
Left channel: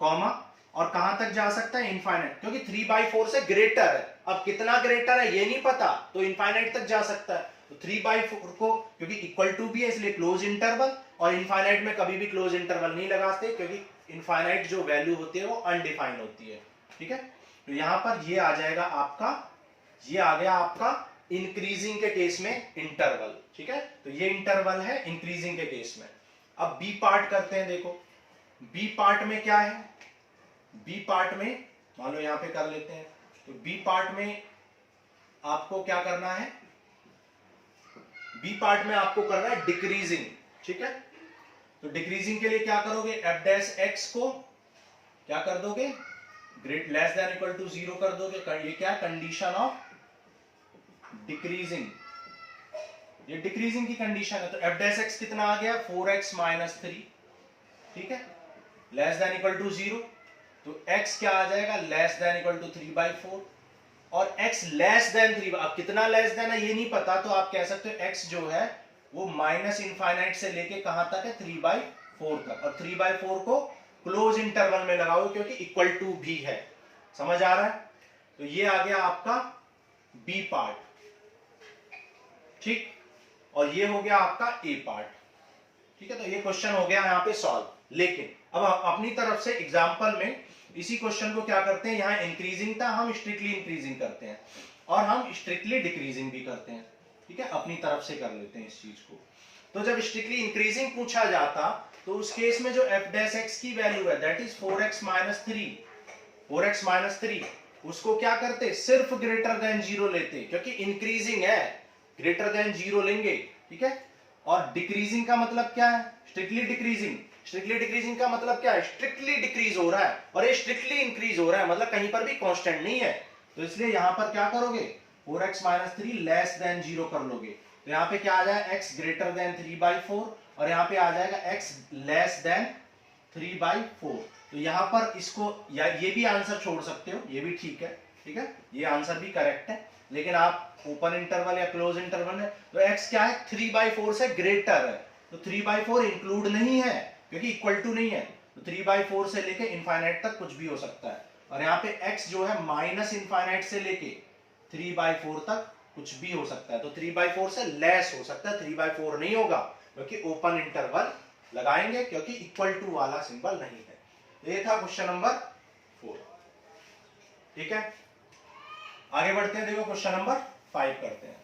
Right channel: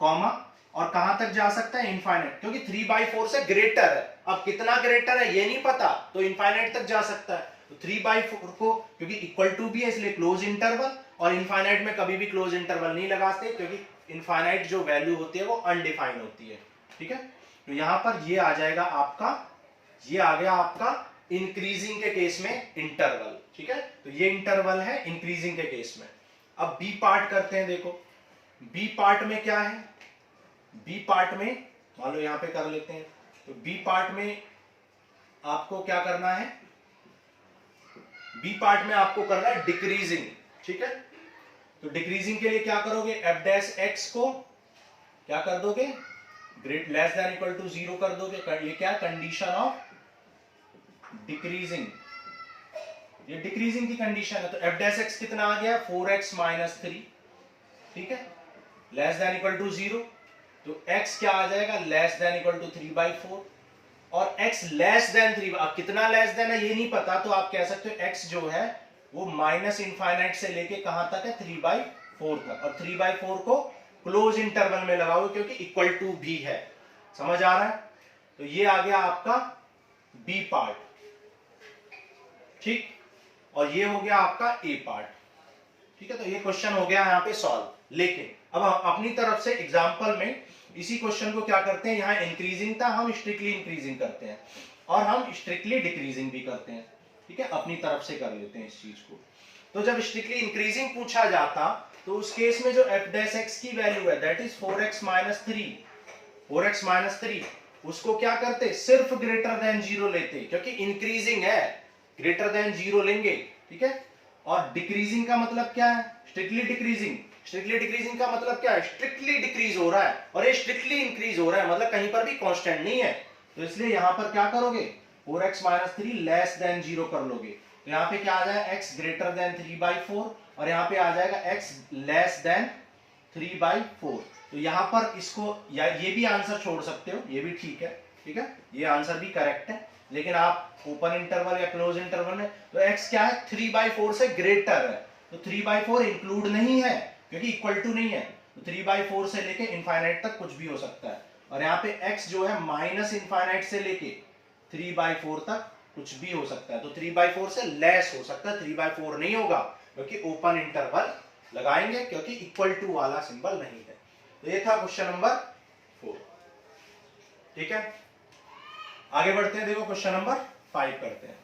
कॉमा, और कहां तक जा सकता है? इनफाइनाइट, क्योंकि 3/4 से ग्रेटर है। अब कितना ग्रेटर है ये नहीं पता, तो इनफाइनाइट तक जा सकता है। तो 3/4 को, क्योंकि इक्वल टू भी है इसलिए क्लोज इंटरवल, और इनफाइनाइट में कभी भी क्लोज इंटरवल नहीं लगाते क्योंकि इनफाइनाइट जो वैल्यू होती है वो अनडिफाइंड होती है, ठीक है। तो यहां पर ये आ जाएगा आपका, ये आ गया आपका इंक्रीजिंग के केस में इंटरवल, ठीक है। तो ये इंटरवल है इंक्रीजिंग के केस में। अब बी पार्ट करते हैं, देखो बी पार्ट में क्या है, बी पार्ट में मान लो यहां पे कर लेते हैं, तो बी पार्ट में आपको क्या करना है, बी पार्ट में आपको करना है डिक्रीजिंग, ठीक है। तो डिक्रीजिंग के लिए क्या करोगे, एफ डैश एक्स को क्या कर दोगे, great less than equal to 0 कर दोगे। ये क्या कंडीशन ऑफ डिक्रीजिंग, ये डिक्रीजिंग की कंडीशन है। तो एफ डैश एक्स कितना आ गया, 4x माइनस 3, ठीक है, लेस देन इक्वल टू 0। तो x क्या आ जाएगा, लेस देन इक्वल टू 3/4, और x लेस देन 3, अब कितना लेस देन है ये नहीं पता, तो आप कह सकते हो x जो है वो माइनस इनफाइनाइट से लेके कहां तक है, 3/4 तक, और 3/4 को क्लोज इंटरवल में लगाओ क्योंकि इक्वल टू भी है, समझ आ रहा है। तो ये आ गया आपका बी पार्ट, ठीक, और ये हो गया आपका ए पार्ट, ठीक है। तो ये क्वेश्चन हो गया यहाँ पे सॉल्व। लेकिन अब अपनी तरफ से एग्जांपल में इसी क्वेश्चन को क्या करते हैं, यहाँ इंक्रीजिंग था, हम स्ट्रिक्टली इंक्रीजिंग करते हैं और हम स्ट्रिक्टली डिक्रीजिंग भी करते हैं, ठीक है, अपनी तरफ से कर लेते हैं इस चीज को। तो जब स्ट्रिक्टली इंक्रीजिंग पूछा जाता तो उस केस में जो एफ डैश एक्स की वैल्यू है that is 4x minus 3, 4x minus 3, उसको क्या करते, सिर्फ ग्रेटर देन 0 लेते, क्योंकि इंक्रीजिंग है, ग्रेटर देन 0 लेंगे, ठीक है। और डिक्रीजिंग का मतलब क्या है, स्ट्रिक्टली डिक्रीजिंग, स्ट्रिक्टली डिक्रीजिंग का मतलब क्या है, स्ट्रिक्टली डिक्रीज हो रहा है, और ये स्ट्रिक्टली इंक्रीज हो रहा है, मतलब कहीं पर भी कांस्टेंट नहीं है। तो इसलिए यहां पर क्या करोगे, 4x माइनस 3 लेस देन 0 कर लोगे। तो यहाँ पे क्या आ जाएगा, x ग्रेटर देन 3/4, और यहाँ पे आ जाएगा x लेस देन 3/4। तो यहाँ पर इसको या ये भी आंसर छोड़ सकते हो, ये भी ठीक है, ठीक है, ये आंसर भी करेक्ट है। लेकिन आप ओपन इंटरवल या क्लोज इंटरवल में, तो x क्या है, 3/4 से ग्रेटर है, तो 3/4 इंक्लूड नहीं है क्योंकि इक्वल टू नहीं है। तो 3/4 से लेके इनफाइनाइट तक कुछ भी हो सकता है, और यहाँ पे x जो है माइनस इनफाइनाइट से लेके 3/4 तक कुछ भी हो सकता है। तो 3/4 से लेस हो सकता है, 3/4 नहीं होगा क्योंकि ओपन इंटरवल लगाएंगे, क्योंकि इक्वल टू वाला सिंबल नहीं है। तो ये था क्वेश्चन नंबर 4, ठीक है। आगे बढ़ते हैं, देखो क्वेश्चन नंबर 5 करते हैं।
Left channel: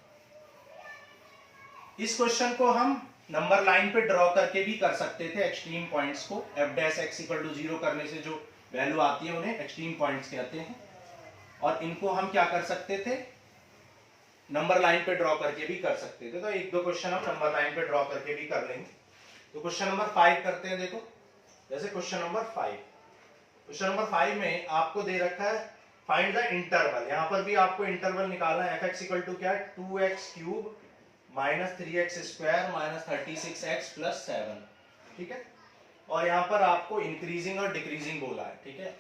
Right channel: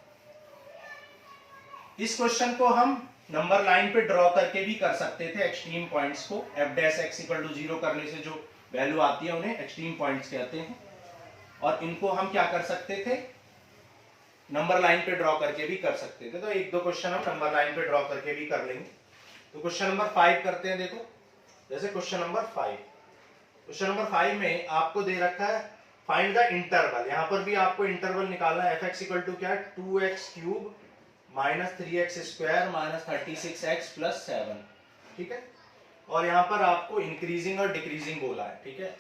इस क्वेश्चन को हम नंबर लाइन पे ड्रॉ करके भी कर सकते थे, एक्सट्रीम पॉइंट्स को f dash x equal to 0 करने से जो वैल्यू आती है उन्हें एक्सट्रीम पॉइंट्स कहते हैं, और इनको हम क्या कर सकते थे, नंबर लाइन पे ड्रॉ करके भी कर सकते थे। तो एक दो क्वेश्चन हम नंबर लाइन पे ड्रॉ करके भी कर लेंगे। तो क्वेश्चन नंबर 5 करते हैं। देखो जैसे क्वेश्चन नंबर 5, क्वेश्चन नंबर 5 में आपको दे रखा है फाइंड द इंटरवल, यहां पर भी आपको इंटरवल निकालना है। fx इक्वल टू क्या है, 2x cube minus 3x square minus 36x plus 7, ठीक है। और यहां पर आपको इंक्रीजिंग और डिक्रीजिंग बोला है, ठीक है।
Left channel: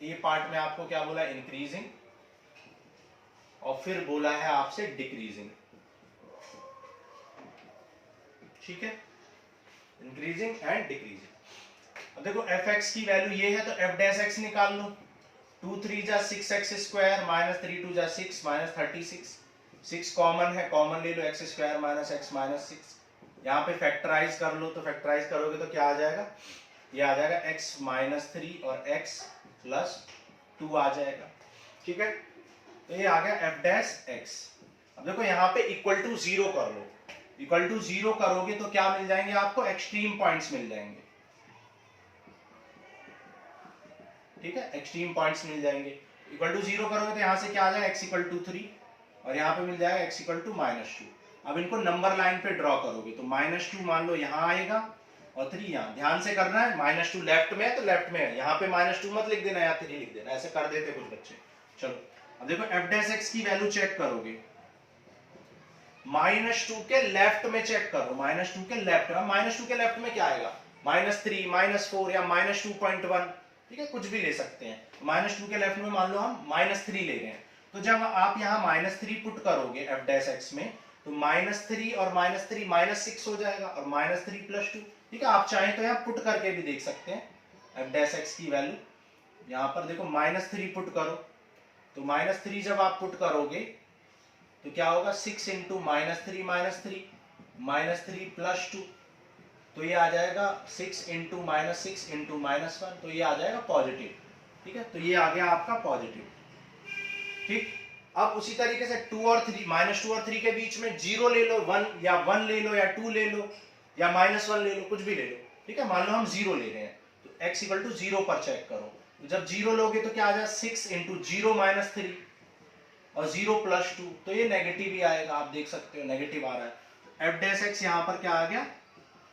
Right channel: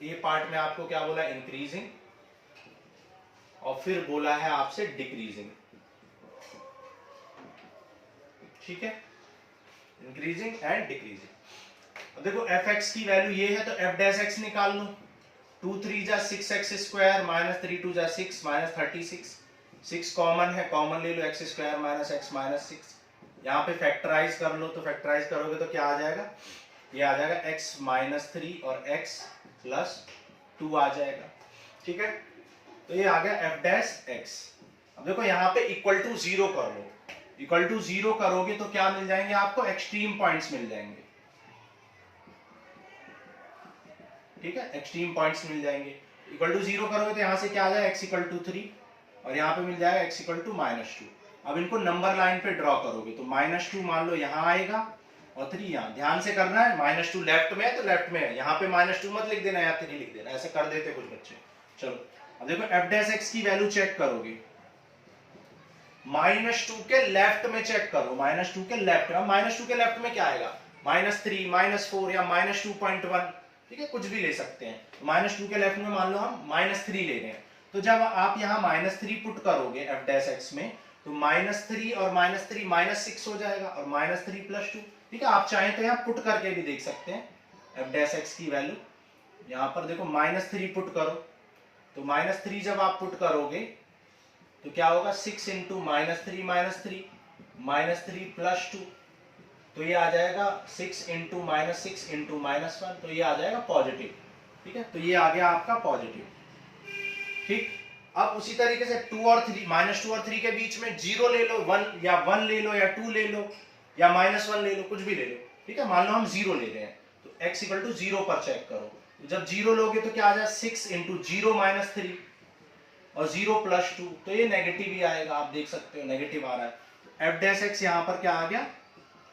ये पार्ट में आपको क्या बोला, इंक्रीजिंग, और फिर बोला है आपसे डिक्रीजिंग, ठीक है, इंक्रीजिंग एंड डिक्रीजिंग। अब देखो fx की वैल्यू ये है, तो f डैश x निकाल लो, 2 3 जा 6x स्क्वायर माइनस 3 2 जा 6 माइनस 36, 6 कॉमन है, कॉमन ले लो, x square minus x minus 6, यहाँ पे फैक्टराइज कर लो, तो फैक्टराइज करोगे तो क्या आ जाएगा, ये आ जाएगा x माइनस 3 और x प्लस 2 आ जाएगा, ठीक है। तो ये आ गया f डैश x। अब देखो यहाँ पे इक्वल टू 0 कर लो, इक्वल टू 0 करोगे तो क्या मिल जाएंगे आपको, एक्सट्रीम पॉइंट्स मिल जाएंगे, ठीक है, एक्सट्रीम पॉइंट्स मिल जाएंगे। इक्वल टू 0 करोगे तो यहाँ से क्या आ जाएगा, x इक्वल टू 3, और यहाँ पे मिल जाएगा x इक्वल टू माइनस 2। अब इनको नंबर लाइन पे ड्रॉ करोगे तो -2 मान लो यहाँ आएगा और 3 यहाँ, ध्यान से करना है, -2 लेफ्ट में है तो लेफ्ट में है, यहाँ पे -2 मत लिख देना या 3 लिख देना, ऐसे कर देते कुछ बच्चे। चलो अब देखो f डैश x की वैल्यू चेक करोगे, -2 के लेफ्ट में चेक करो, -2 के लेफ्ट में, -2 के लेफ्ट में क्या आएगा, -3 -4 या -2.1, ठीक है, कुछ भी ले सकते हैं। -2 के लेफ्ट में मान लो हम -3 ले रहे हैं, तो जब आप यहाँ -3 पुट करोगे f डैश x में, तो -3 और -3 -6 हो जाएगा, और -3 प्लस 2, ठीक है। आप चाहें तो यहाँ पुट करके भी देख सकते हैं f डैश x की वैल्यू, यहाँ पर देखो -3 पुट करो, तो -3 जब आप पुट करोगे तो क्या होगा 6 इंटू -3 -3 प्लस 2, तो ये आ जाएगा 6 इंटू -6 इंटू -1, तो ये आ जाएगा पॉजिटिव। ठीक है, तो ये आ गया आपका पॉजिटिव। ठीक, अब उसी तरीके से 2 और 3, -2 और 3 के बीच में 0 ले लो, 1 या 1 ले लो या 2 ले लो या -1 ले लो, कुछ भी ले लो। ठीक है, मान लो हम 0 ले रहे हैं, तो x इक्वल टू 0 पर चेक करो। तो जब 0 लोगे तो क्या आ जाएगा 6 इंटू 0 -3 और 0 प्लस 2, तो ये नेगेटिव ही आएगा। आप देख सकते हो नेगेटिव आ रहा है, तो एफ डैश एक्स यहाँ पर क्या आ गया,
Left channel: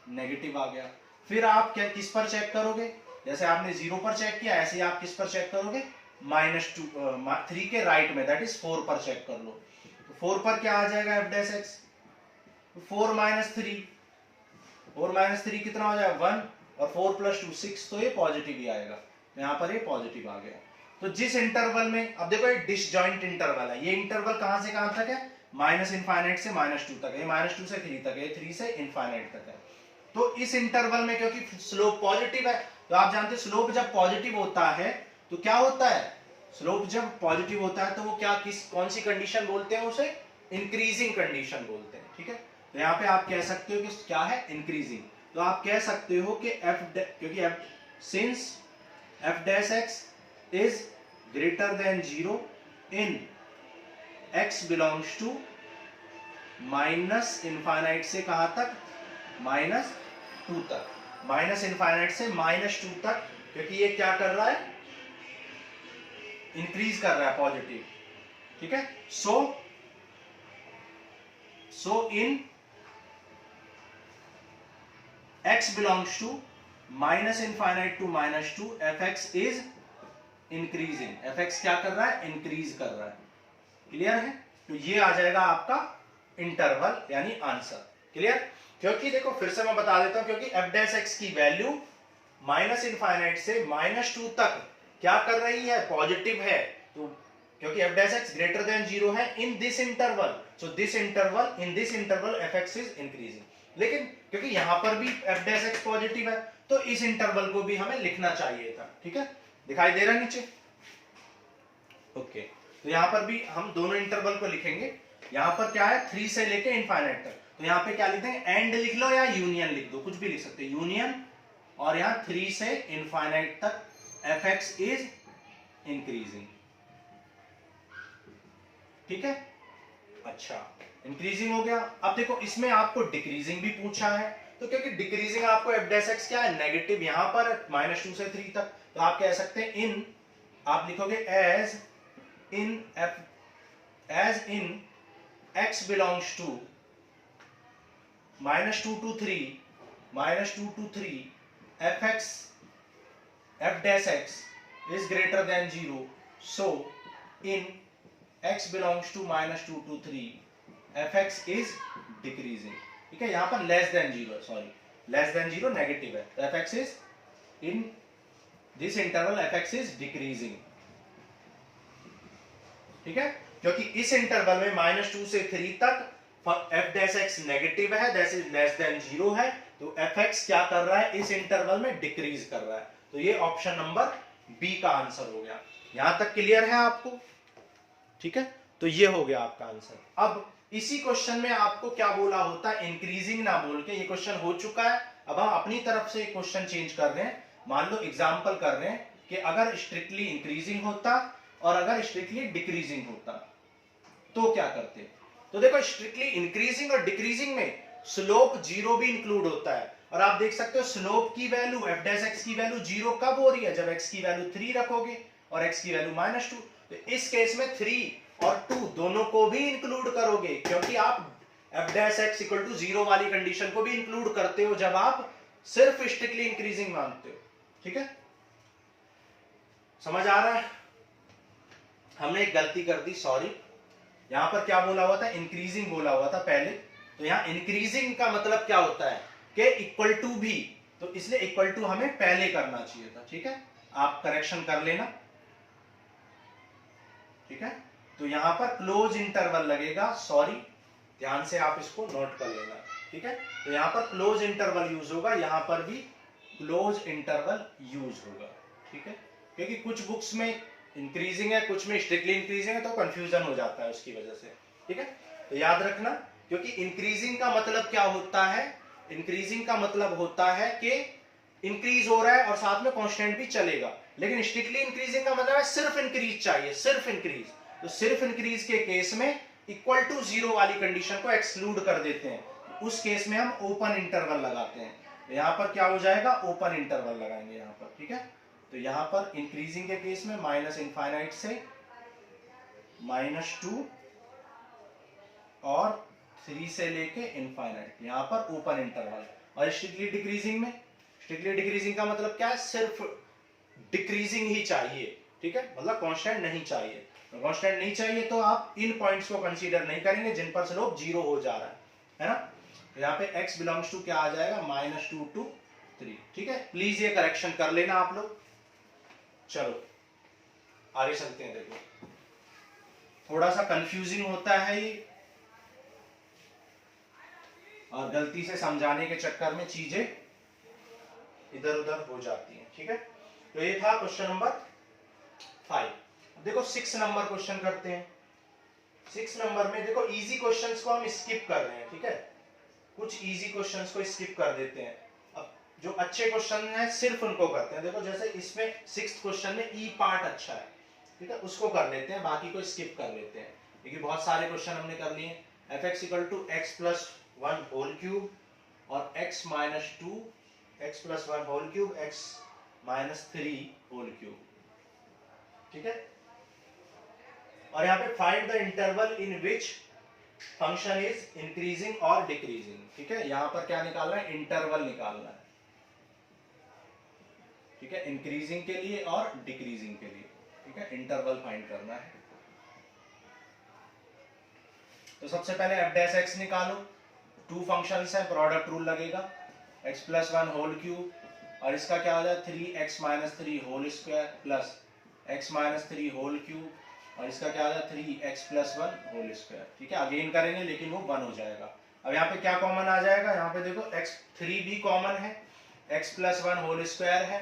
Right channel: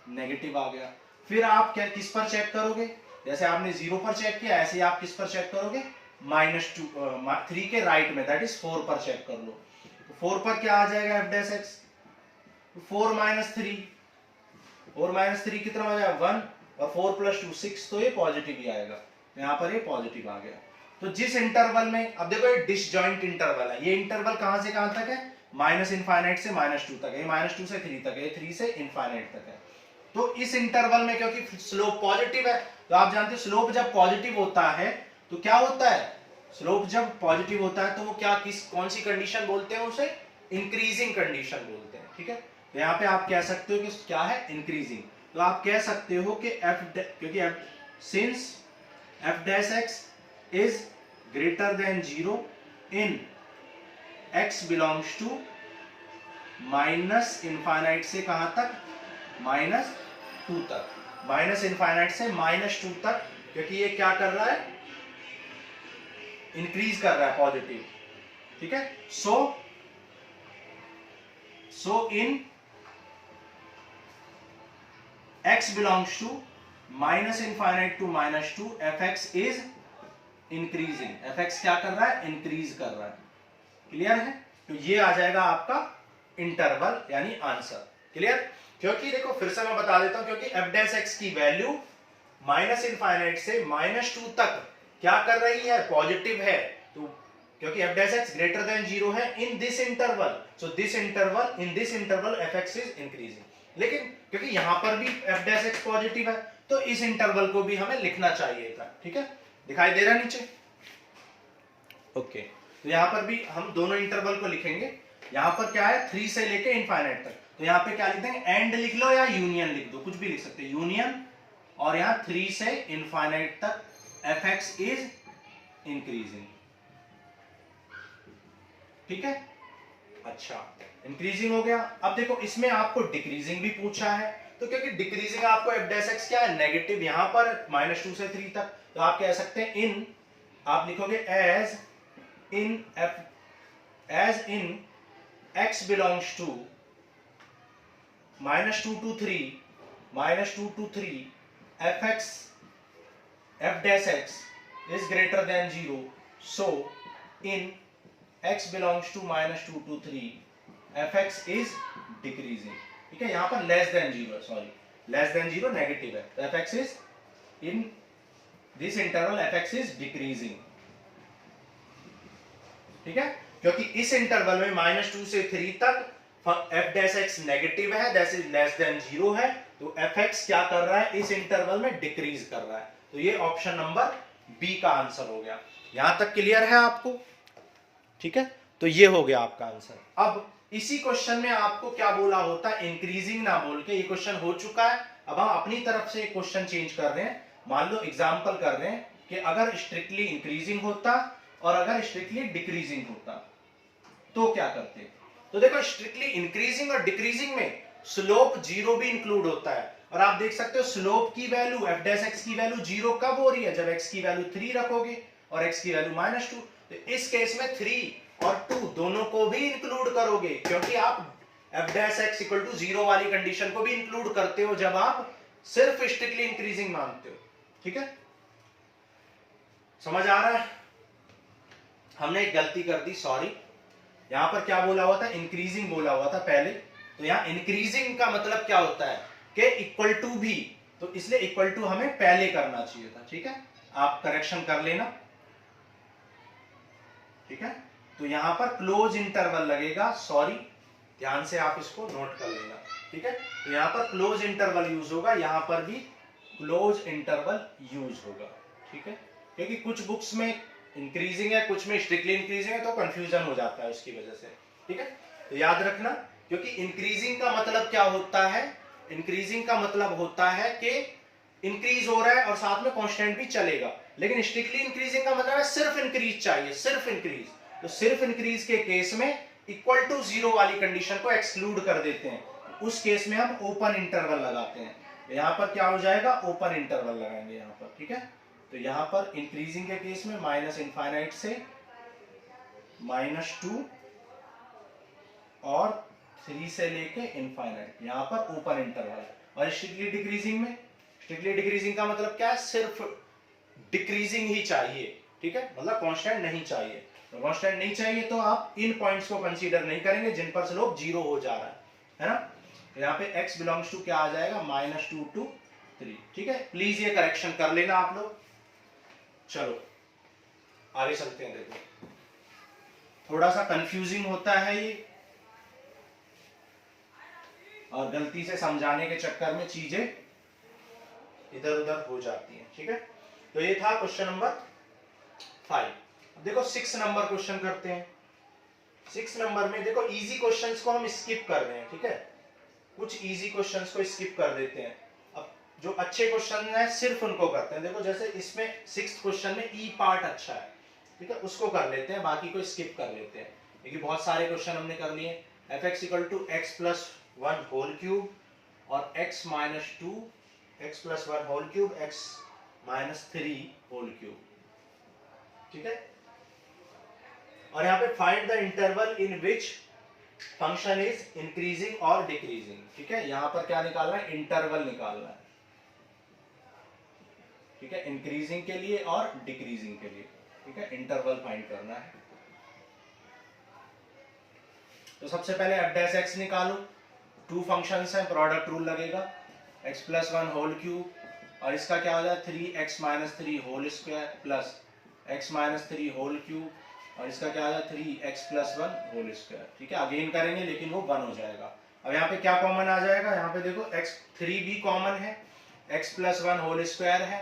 नेगेटिव आ गया। फिर आप क्या किस पर चेक करोगे, जैसे आपने 0 पर चेक किया ऐसे ही आप किस पर चेक करोगे, -3 के राइट में, दैट इज 4 पर चेक कर लो। तो 4 पर क्या आ जाएगा एफ डैश एक्स, 4 -3 कितना हो जाएगा 1 और 4 प्लस 2 6, तो ये पॉजिटिव ही आएगा। यहाँ पर ये पॉजिटिव आ गया। तो जिस इंटरवल में, अब देखो ये डिसजॉइंट इंटरवल है, ये इंटरवल कहां से कहां तक है, -∞ से -2 तक है, -2 से 3 तक है, 3 से इनफाइनाइट तक है। तो इस इंटरवल में क्योंकि स्लोप पॉजिटिव है, तो आप जानते हैं स्लोप जब पॉजिटिव होता है तो क्या होता है, स्लोप जब पॉजिटिव होता है तो वो क्या कौन सी कंडीशन बोलते हैं, उसे इंक्रीजिंग कंडीशन बोलते हैं। ठीक है, तो यहाँ पे आप कह सकते हो कि क्या है, इंक्रीजिंग। तो आप कह सकते हो कि क्योंकि since f dash x is greater than 0 in x belongs to -∞ से कहां तक, -2 तक, -∞ से -2 तक, क्योंकि ये क्या कर रहा है, इंक्रीज कर रहा है पॉजिटिव। ठीक है, so in x belongs to -∞ to -2 fx is increasing, fx क्या कर रहा है, इंक्रीज कर रहा है। क्लियर है, तो ये आ जाएगा आपका इंटरवल यानी आंसर। क्लियर, क्योंकि देखो फिर से मैं बता देता हूं, क्योंकि एफ डैश एक्स की वैल्यू -∞ से -2 तक क्या कर रही है, पॉजिटिव है। तो क्योंकि F dash x greater than 0 है in this interval, so in this interval F x is increasing. लेकिन क्योंकि यहां पर भी एफ डैश एक्स पॉजिटिव है, तो इस इंटरवल को भी हमें लिखना चाहिए था। ठीक है, दिखाई दे रहा नीचे, ओके। तो यहां पर भी हम दोनों इंटरवल को लिखेंगे। यहां पर क्या है, 3 से लेके इनफाइनाइट तक, तो यहां पे क्या लिख देंगे, एंड लिख लो या यूनियन लिख दो, कुछ भी लिख सकते हैं, यूनियन, और यहां 3 से इनफाइनाइट तक एफ एक्स इज इंक्रीजिंग। ठीक है, अच्छा, इंक्रीजिंग हो गया। अब देखो इसमें आपको डिक्रीजिंग भी पूछा है, तो क्योंकि डिक्रीजिंग आपको एफ डैश एक्स क्या है, नेगेटिव, यहां पर -2 से 3 तक, तो आप कह सकते हैं इन, आप लिखोगे as in x belongs to -2 to 3 f dash x is greater than 0, so in x belongs to -2 to 3 fx is decreasing। ठीक है, यहां पर लेस देन 0 नेगेटिव है, तो fx is in this interval fx is decreasing। ठीक है, क्योंकि इस इंटरवल में -2 से 3 तक f डैश x नेगेटिव है, दैट इज लेस देन 0 है, तो fx क्या कर रहा है, इस इंटरवल में डिक्रीज कर रहा है। तो ये ऑप्शन नंबर बी का आंसर हो गया। यहां तक क्लियर है आपको? ठीक है, तो ये हो गया आपका आंसर। अब इसी क्वेश्चन में आपको क्या बोला होता है, इंक्रीजिंग ना बोल के, ये क्वेश्चन हो चुका है, अब हम अपनी तरफ से क्वेश्चन चेंज कर रहे हैं। मान लो एग्जांपल कर रहे हैं कि अगर स्ट्रिक्टली इंक्रीजिंग होता और अगर स्ट्रिक्टली डिक्रीजिंग होता तो क्या करते। तो देखो स्ट्रिक्टली इंक्रीजिंग और डिक्रीजिंग में स्लोप 0 भी इंक्लूड होता है, और आप देख सकते हो स्लोप की वैल्यू एफ डैश एक्स की वैल्यू 0 कब हो रही है, जब x की वैल्यू 3 रखोगे और x की वैल्यू -2। तो इस केस में 3 और 2 दोनों को भी इंक्लूड करोगे, क्योंकि आप f dash x equal to 0 वाली कंडीशन को भी इंक्लूड करते हो जब आप सिर्फ स्ट्रिक्टली इंक्रीजिंग मानते हो। ठीक है, समझ आ रहा है? हमने एक गलती कर दी, सॉरी। यहां पर क्या बोला हुआ था, इंक्रीजिंग बोला हुआ था पहले, तो यहां इंक्रीजिंग का मतलब क्या होता है कि इक्वल टू भी, तो इसलिए इक्वल टू हमें पहले करना चाहिए था। ठीक है, आप करेक्शन कर लेना। ठीक है, तो यहां पर क्लोज इंटरवल लगेगा, सॉरी, ध्यान से आप इसको नोट कर लेना। ठीक है, तो यहां पर क्लोज इंटरवल यूज होगा, यहां पर भी क्लोज इंटरवल यूज होगा। ठीक है, क्योंकि कुछ बुक्स में इंक्रीजिंग है, कुछ में स्ट्रिक्टली इंक्रीजिंग है, तो कंफ्यूजन हो जाता है उसकी वजह से। ठीक है, तो याद रखना, क्योंकि इंक्रीजिंग का मतलब क्या होता है, इंक्रीजिंग का मतलब होता है कि इंक्रीज हो रहा है और साथ में कांस्टेंट भी चलेगा, लेकिन स्ट्रिक्टली इंक्रीजिंग का मतलब है सिर्फ इंक्रीज चाहिए, सिर्फ इंक्रीज। तो सिर्फ इंक्रीज के केस में इक्वल टू जीरो वाली कंडीशन को एक्सक्लूड कर देते हैं, उस केस में हम ओपन इंटरवल लगाते हैं। यहां पर क्या हो जाएगा, ओपन इंटरवल लगाएंगे यहां पर, ठीक है। तो यहां पर इंक्रीजिंग के केस में माइनस इनफाइनाइट से -2 और 3 से लेके इनफाइनाइट, यहां पर ओपन इंटरवल। और स्ट्रिक्टली डिक्रीजिंग में, स्ट्रिक्टली डिक्रीजिंग का मतलब क्या है, सिर्फ डिक्रीजिंग ही चाहिए, ठीक है, मतलब कांस्टेंट नहीं चाहिए। तो कांस्टेंट नहीं चाहिए तो आप इन पॉइंट्स को कंसीडर नहीं करेंगे जिन पर स्लोप जीरो हो जा रहा है ना। तो यहाँ पे x बिलोंग्स टू क्या आ जाएगा, -2 to 3, ठीक है। प्लीज ये करेक्शन कर लेना आप लोग। चलो आगे चलते हैं। देखो थोड़ा सा कंफ्यूजिंग होता है ये, और गलती से समझाने के चक्कर में चीजें इधर उधर हो जाती हैं, ठीक है। तो ये था क्वेश्चन नंबर 5। देखो 6 नंबर क्वेश्चन करते हैं। 6 नंबर में देखो इजी क्वेश्चंस को हम स्किप कर रहे हैं, ठीक है, कुछ इजी क्वेश्चंस को स्किप कर देते हैं। अब जो अच्छे क्वेश्चन हैं सिर्फ उनको करते हैं। देखो जैसे इसमें 6th क्वेश्चन में ई पार्ट अच्छा है, ठीक है, उसको कर लेते हैं, बाकी को स्किप कर लेते हैं, क्योंकि बहुत सारे क्वेश्चन हमने कर लिए। fx = x + 1 होल क्यूब और x - 2 x + 1 whole cube x - 3 whole cube, ठीक है। और यहाँ पे find the interval in which function is increasing और डिक्रीजिंग, ठीक है। यहां पर क्या निकालना है, इंटरवल निकालना है, ठीक है, इंक्रीजिंग के लिए और डिक्रीजिंग के लिए, ठीक है, इंटरवल फाइंड करना है। तो सबसे पहले f' निकालो। 2 फंक्शंस हैं, प्रोडक्ट रूल लगेगा, x + 1 होल क्यूब और इसका क्या हो जाए 3x - 3 whole square plus x - 3 whole cube और इसका क्या हो जाए 3x + 1 होल स्क्वायर, ठीक है। अगेन करेंगे लेकिन वो 1 हो जाएगा। अब यहाँ पे क्या कॉमन आ जाएगा, यहाँ पे देखो x3 भी कॉमन है, x + 1 होल स्क्वायर है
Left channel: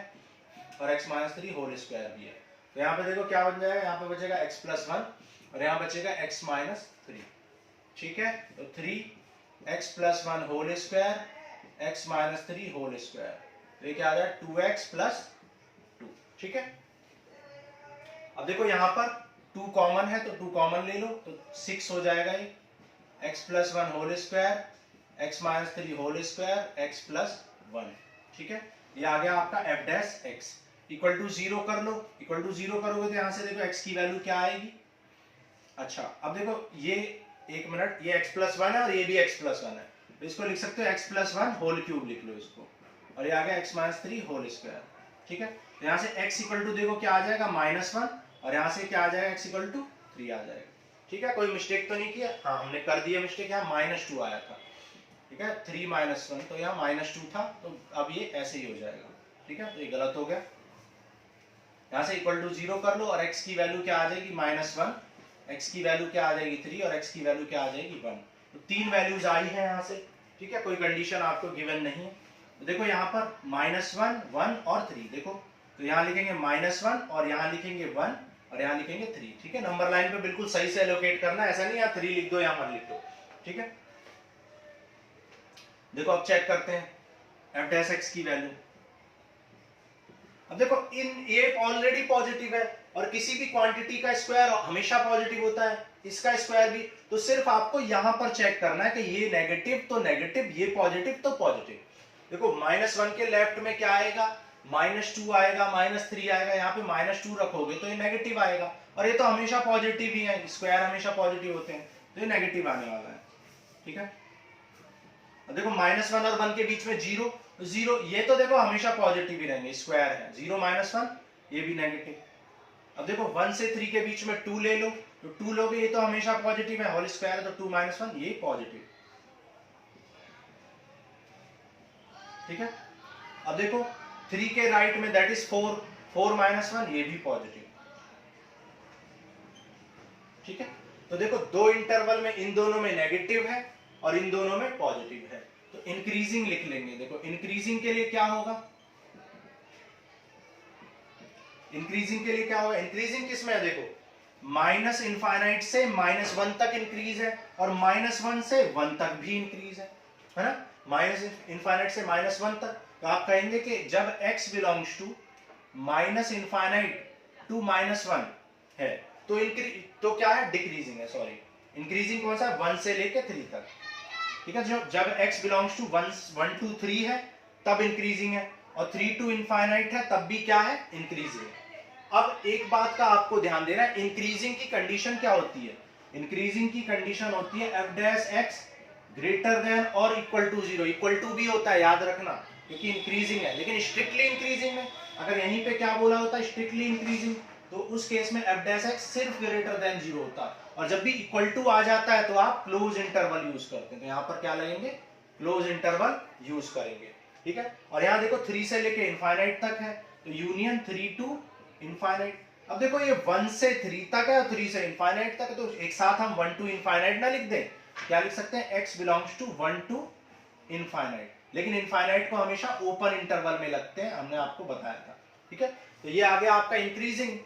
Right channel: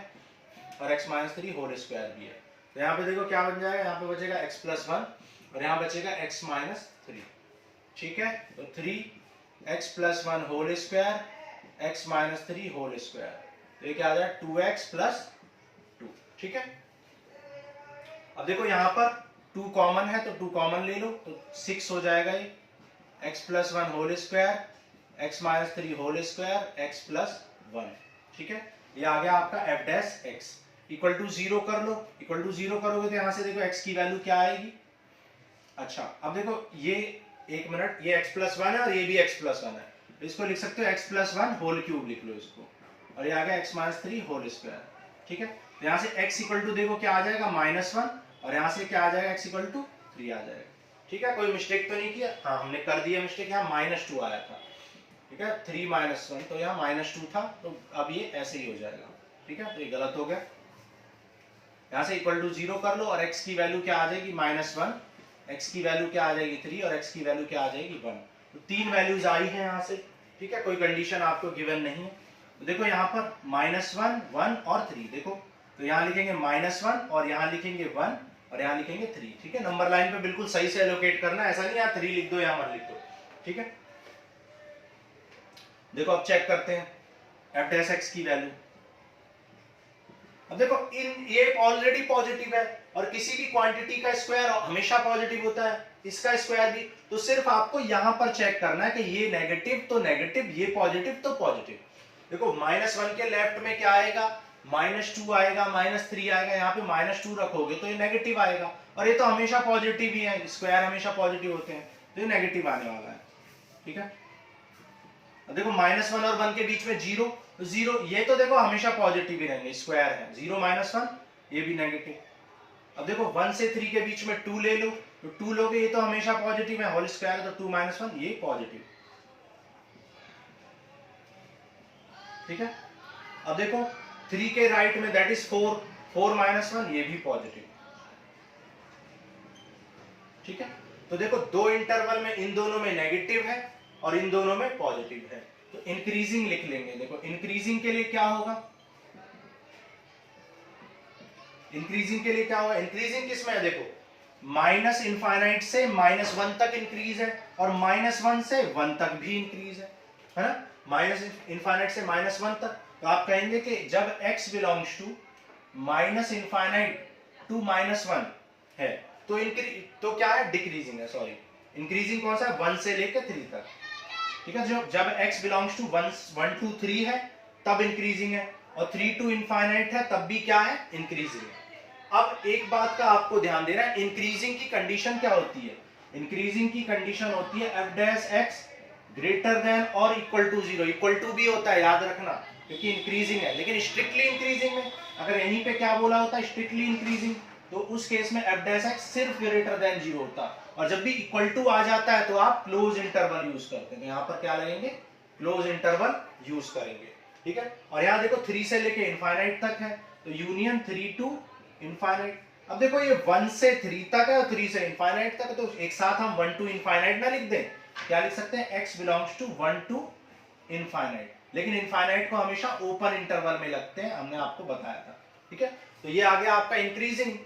और x - 3 होल स्क्वायर भी है। तो यहाँ पे देखो क्या बन जाएगा, यहाँ पे बचेगा x + 1 और यहाँ बचेगा x - 3, ठीक है। तो 3x + 1 whole square x - 3 whole square, तो ये क्या आ जाए 2x + 2, ठीक है। अब देखो यहाँ पर 2 कॉमन है तो 2 कॉमन ले लो, तो 6 हो जाएगा ये, x + 1 whole square x - 3 whole square x + 1, ठीक है। ये आ गया आपका f' = 0 कर लो। = 0 करोगे तो यहाँ से देखो x की वैल्यू क्या आएगी। अच्छा अब देखो ये एक मिनट, ये x + 1 है और ये भी x + 1 है, तो इसको लिख सकते हो x + 1 होल क्यूब लिख लो इसको, और ये आ गया x - 3 होल स्क्वायर, ठीक है। तो यहाँ से x = देखो क्या आ जाएगा -1 और यहाँ से क्या आ जाएगा x = 3 आ जाएगा, ठीक है। कोई मिस्टेक तो नहीं किया, हाँ हमने कर दिया मिस्टेक, यहाँ -2 आया था, ठीक है, 3 - 1 तो यहाँ -2 था, तो अब ये ऐसे ही हो जाएगा, ठीक है। तो ये गलत हो गया, यहाँ से = 0 कर लो और x की वैल्यू क्या आ जाएगी -1, x की वैल्यू क्या आ जाएगी 3 और x की वैल्यू क्या आ जाएगी 1। तो 3 वैल्यूज आई हैं यहाँ से, ठीक है, कोई कंडीशन आपको गिवन नहीं है। तो देखो यहाँ पर -1, 1 और 3, देखो तो यहाँ लिखेंगे -1 और यहाँ लिखेंगे 1 और यहाँ लिखेंगे 3, ठीक है। नंबर लाइन पे बिल्कुल सही से एलोकेट करना है, ऐसा नहीं यहाँ 3 लिख दो यहाँ 1 लिख दो, ठीक है। देखो अब चेक करते हैं f' की वैल्यू। अब देखो इन ये ऑलरेडी पॉजिटिव है और किसी भी क्वांटिटी का स्क्वायर हमेशा पॉजिटिव होता है, इसका स्क्वायर भी, तो सिर्फ आपको यहां पर चेक करना है कि ये नेगेटिव तो नेगेटिव, ये पॉजिटिव तो पॉजिटिव। देखो -1 के लेफ्ट में क्या आएगा, -2 आएगा, -3 आएगा, यहाँ पे -2 रखोगे तो ये नेगेटिव आएगा, और ये तो हमेशा पॉजिटिव ही है, स्क्वायर हमेशा पॉजिटिव होते हैं, तो ये नेगेटिव आने वाला है, ठीक है। देखो -1 और 1 के बीच में 0, 0 ये तो देखो हमेशा पॉजिटिव ही रहेंगे, स्क्वायर है, 0 - 1 ये भी नेगेटिव। अब देखो 1 से 3 के बीच में 2 ले लो, तो 2 लोगे ये तो हमेशा पॉजिटिव है, होल स्क्वायर है, तो 2 - 1 ये पॉजिटिव, ठीक है। अब देखो 3 के राइट में दैट इज 4, 4 - 1 ये भी पॉजिटिव, ठीक है। तो देखो दो इंटरवल में इन दोनों में नेगेटिव है और इन दोनों में पॉजिटिव है, तो इंक्रीजिंग लिख लेंगे। देखो इंक्रीजिंग के लिए क्या होगा, इंक्रीजिंग के लिए क्या होगा, इंक्रीजिंग किस में है, देखो माइनस इनफाइनाइट से -1 तक इंक्रीज है और -1 से 1 तक भी इंक्रीज है ना, माइनस इनफाइनाइट से -1 तक। तो आप कहेंगे कि जब x belongs to minus infinite to -1 है तो क्या है, डिक्रीजिंग है, सॉरी इंक्रीजिंग कौन सा है, 1 से लेकर 3 तक, ठीक है। जब x बिलोंग्स टू 1 to 3 है तब इंक्रीजिंग है, और 3 to इनफाइनाइट है तब भी क्या है, इंक्रीजिंग है। अब एक बात का आपको ध्यान देना है, इंक्रीजिंग की कंडीशन क्या होती है, इंक्रीजिंग की कंडीशन होती है f dash x greater than और इक्वल टू 0, इक्वल टू भी होता है याद रखना क्योंकि इंक्रीजिंग है, लेकिन स्ट्रिक्टली इंक्रीजिंग में अगर यहीं पे क्या बोला होता है, स्ट्रिक्टली इंक्रीजिंग, तो उस केस में f डैश x सिर्फ ग्रेटर देन 0 होता, और जब भी इक्वल टू आ जाता है तो आप क्लोज इंटरवल यूज करते हैं, तो यहाँ पर क्या लगेंगे, क्लोज इंटरवल यूज करेंगे, ठीक है। और यहाँ देखो 3 से लेके इनफाइनाइट तक है तो यूनियन 3 टू इनफाइनाइट। अब देखो ये 1 से 3 तक है और 3 से इनफाइनाइट तक है, तो एक साथ हम 1 टू इनफाइनाइट ना लिख दें, क्या लिख सकते हैं, x belongs to 1 to infinite, लेकिन इनफाइनाइट को हमेशा ओपन इंटरवल में लगते हैं, हमने आपको बताया था, ठीक है। तो ये आ गया आपका इंक्रीजिंग।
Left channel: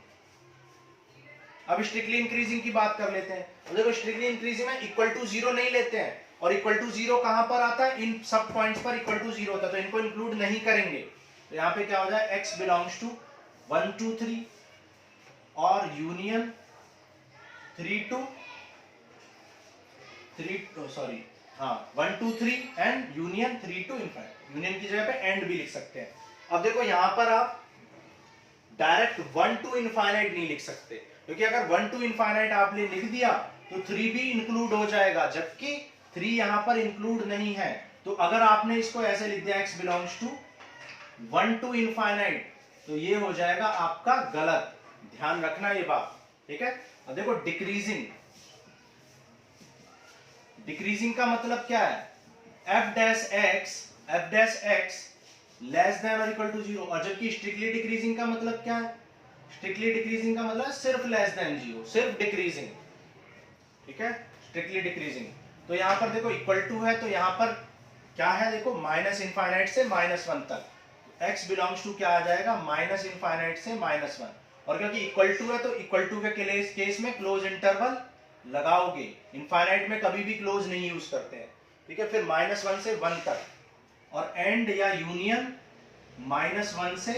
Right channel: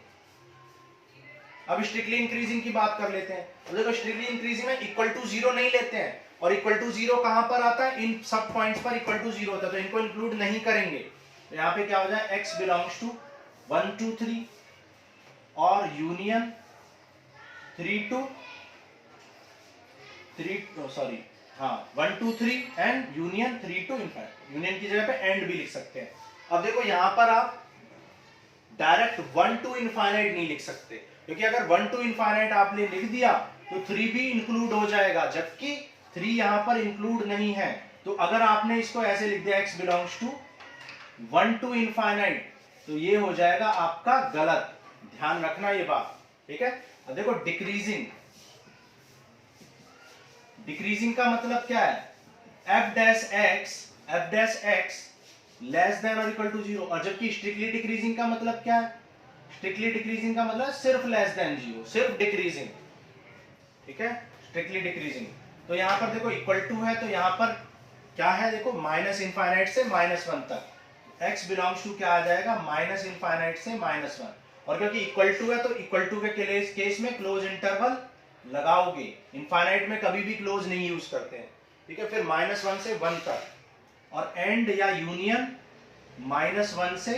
अब स्ट्रिक्टली इंक्रीजिंग की बात कर लेते हैं, तो देखो स्ट्रिक्टली इंक्रीजिंग में इक्वल टू 0 नहीं लेते हैं, और इक्वल टू 0 कहां पर आता है, इन सब पॉइंट्स पर इक्वल टू 0 होता है, तो इनको इंक्लूड नहीं करेंगे, तो यहाँ पे क्या हो जाए, x बिलोंग्स टू 1 टू 3 और union 3 to 1 to 3 and union 3 to infinite, union की जगह पे एंड भी लिख सकते हैं। अब देखो यहां पर आप डायरेक्ट 1 टू इनफाइनाइट नहीं लिख सकते, क्योंकि अगर 1 टू इनफाइनाइट आपने लिख दिया तो 3 भी इंक्लूड हो जाएगा, जबकि 3 यहां पर इंक्लूड नहीं है। तो अगर आपने इसको ऐसे लिख दिया x belongs to 1 to infinite, तो ये हो जाएगा आपका गलत, ध्यान रखना ये बात, ठीक है। अब देखो डिक्रीजिंग, डिक्रीजिंग का मतलब क्या है, f dash x less than और इक्वल टू 0, और जबकि स्ट्रिक्टली डिक्रीजिंग का मतलब क्या है, स्ट्रिक्टली डिक्रीजिंग का मतलब सिर्फ लेस देन 0, सिर्फ डिक्रीजिंग, ठीक है, स्ट्रिक्टली डिक्रीजिंग। तो यहां पर देखो इक्वल टू है, तो यहां पर क्या है, देखो माइनस इनफाइनाइट से -1 तक, x बिलोंग्स टू क्या आ जाएगा, माइनस इनफाइनाइट से -1, और क्योंकि इक्वल टू है तो इक्वल टू के केस में क्लोज इंटरवल लगाओगे, इनफाइनाइट में कभी भी क्लोज नहीं यूज करते हैं, ठीक है। फिर -1 से 1 तक, और एंड या यूनियन -1 से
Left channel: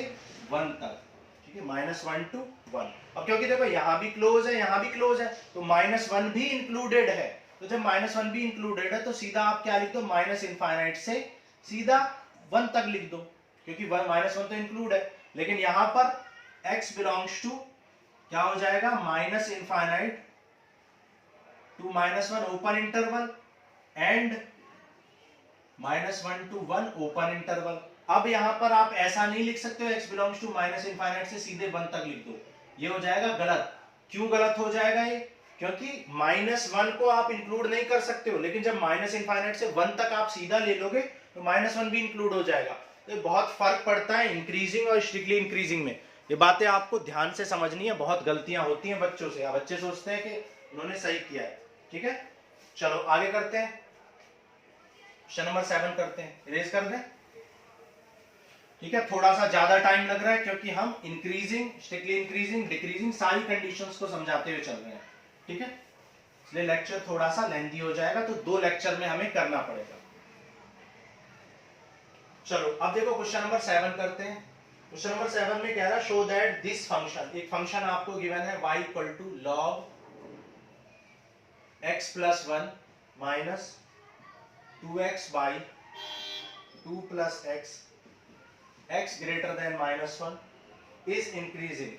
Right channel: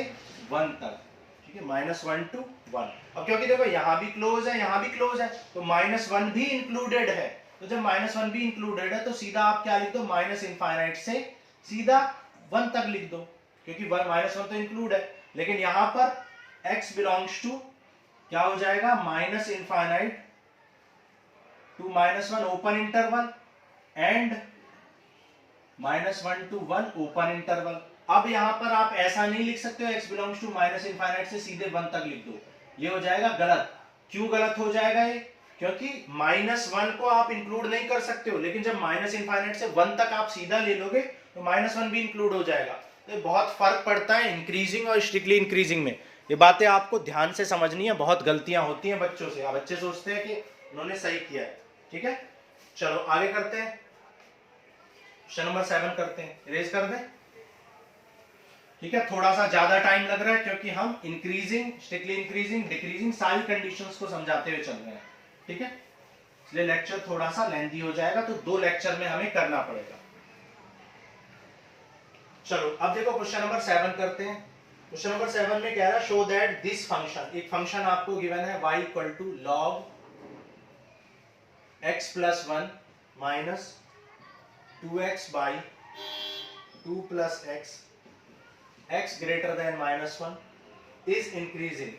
1 तक, ठीक है, -1 टू 1। अब क्योंकि देखो यहां भी क्लोज है, यहां भी क्लोज है, तो -1 भी इंक्लूडेड है, तो जब -1 भी इंक्लूडेड है तो सीधा आप क्या लिख दो, माइनस इनफाइनाइट से सीधा 1 तक लिख दो, क्योंकि -1 तो इंक्लूड है, लेकिन यहां पर x बिलोंग्स टू क्या हो जाएगा, minus infinite to -1 open interval and -1 to 1 open interval. अब यहां पर आप ऐसा नहीं लिख सकते हो x belongs to minus infinite से सीधे 1 तक लिख दो, ये हो जाएगा गलत। क्यों गलत हो जाएगा ये, क्योंकि -1 को आप इंक्लूड नहीं कर सकते हो, लेकिन जब माइनस इनफाइनाइट से 1 तक आप सीधा ले लोगे तो -1 भी इंक्लूड हो जाएगा। तो बहुत फर्क पड़ता है इंक्रीजिंग और स्ट्रिक्टली इंक्रीजिंग में, ये बातें आपको ध्यान से समझनी है, बहुत गलतियां होती हैं बच्चों से, बच्चे सोचते हैं कि उन्होंने सही किया है, ठीक है। चलो आगे करते हैं, क्वेश्चन नंबर 7 करते हैं, इरेज कर दें, ठीक है। थोड़ा सा ज्यादा टाइम लग रहा है क्योंकि हम इंक्रीजिंग, स्ट्रिक्टली इंक्रीजिंग, डिक्रीजिंग सारी कंडीशंस को समझाते हुए चल रहे हैं, ठीक है, इसलिए लेक्चर थोड़ा सा लेंथी हो जाएगा, तो 2 लेक्चर में हमें करना पड़ेगा। चलो अब देखो क्वेश्चन नंबर 7 करते हैं। क्वेश्चन नंबर 7 में कह रहा है शो दैट दिस फंक्शन, एक फंक्शन आपको गिवन है y equal to log x plus 1 minus 2x by 2 plus x greater than -1 is increasing,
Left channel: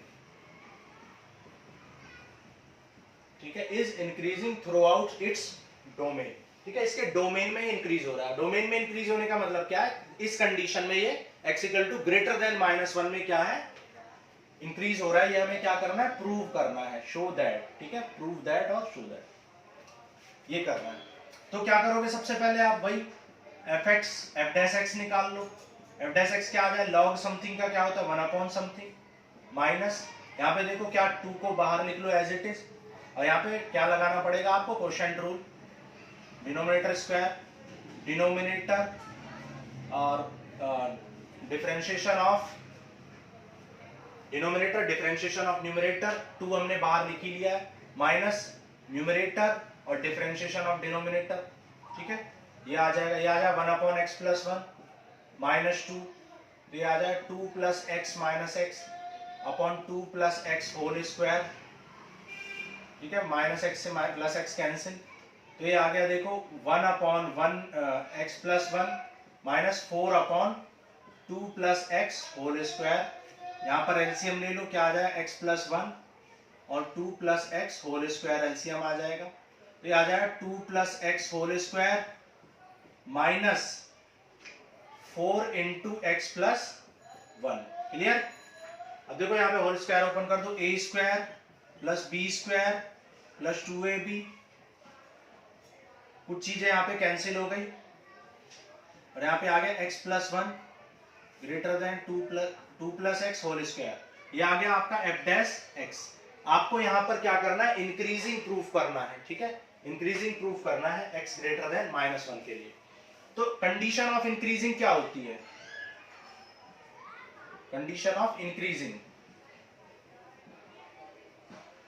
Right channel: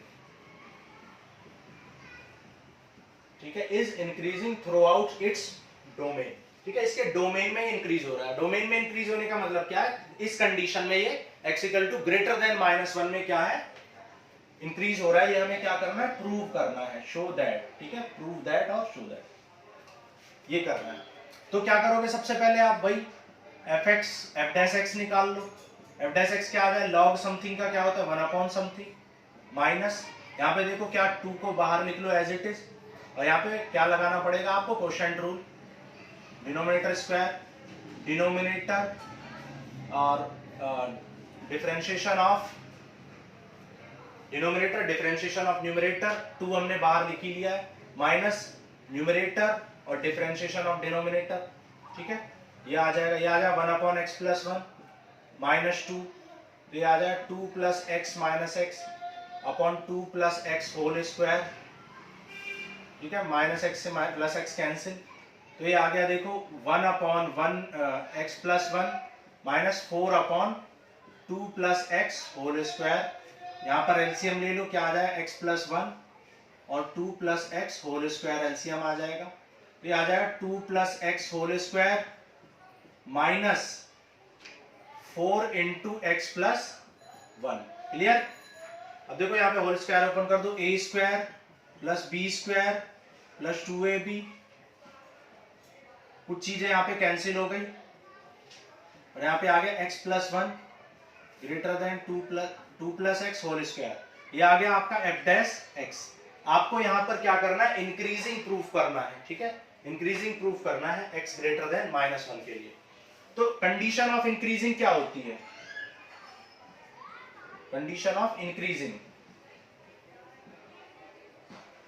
ठीक है, is increasing throughout its domain, ठीक है, इसके डोमेन में इंक्रीज हो रहा है। डोमेन में इंक्रीज होने का मतलब क्या है, इस कंडीशन में ये x equal to greater than -1 में क्या है, इंक्रीज हो रहा है, ये हमें क्या करना है, प्रूव करना है, शो दैट, ठीक है, प्रूव दैट और शो दैट, ये करना है। तो क्या करोगे, सबसे पहले आप भाई f डैश x निकाल लो, f डैश x क्या आ जाए, log समथिंग का क्या होता है 1 अपॉन समथिंग माइनस, यहाँ पे देखो क्या 2 को बाहर लिख लो एज इट इज, और यहाँ पे क्या लगाना पड़ेगा आपको, quotient rule, denominator square, denominator और differentiation of denominator differentiation of numerator 2 हमने बाहर लिख ही लिया है, माइनस न्यूमरेटर और डिफरेंशिएशन ऑफ डिनोमिनेटर, ठीक है। ये आ जाएगा 1 अपॉन एक्स प्लस 1 माइनस 2, ये आ जाएगा 2 plus x minus x upon 2 plus x whole square, ठीक है। माइनस एक्स से प्लस एक्स कैंसिल, तो ये आ गया देखो 1 upon 1 x plus 1 minus 4 upon 2 plus x whole square. यहाँ पर एलसीएम ले लो, क्या आ जाएगा एक्स प्लस 1 और 2 plus x whole square, LCM आ जाएगा, ये आ जाएगा 2 plus x whole square minus 4 into X plus 1। Clear. अब देखो यहाँ पे होल स्क्वायर ओपन कर दो, A square plus B square plus 2ab, कुछ चीजें यहाँ पे कैंसिल हो गई और यहाँ पे आ गया x plus 1 greater than 2 plus x whole square, ये आ गया आपका f डैश x। आपको यहाँ पर क्या करना है, इंक्रीजिंग प्रूफ करना है, ठीक है, इंक्रीजिंग प्रूफ करना है x ग्रेटर देन -1 के लिए। तो कंडीशन ऑफ इंक्रीजिंग क्या होती है, कंडीशन ऑफ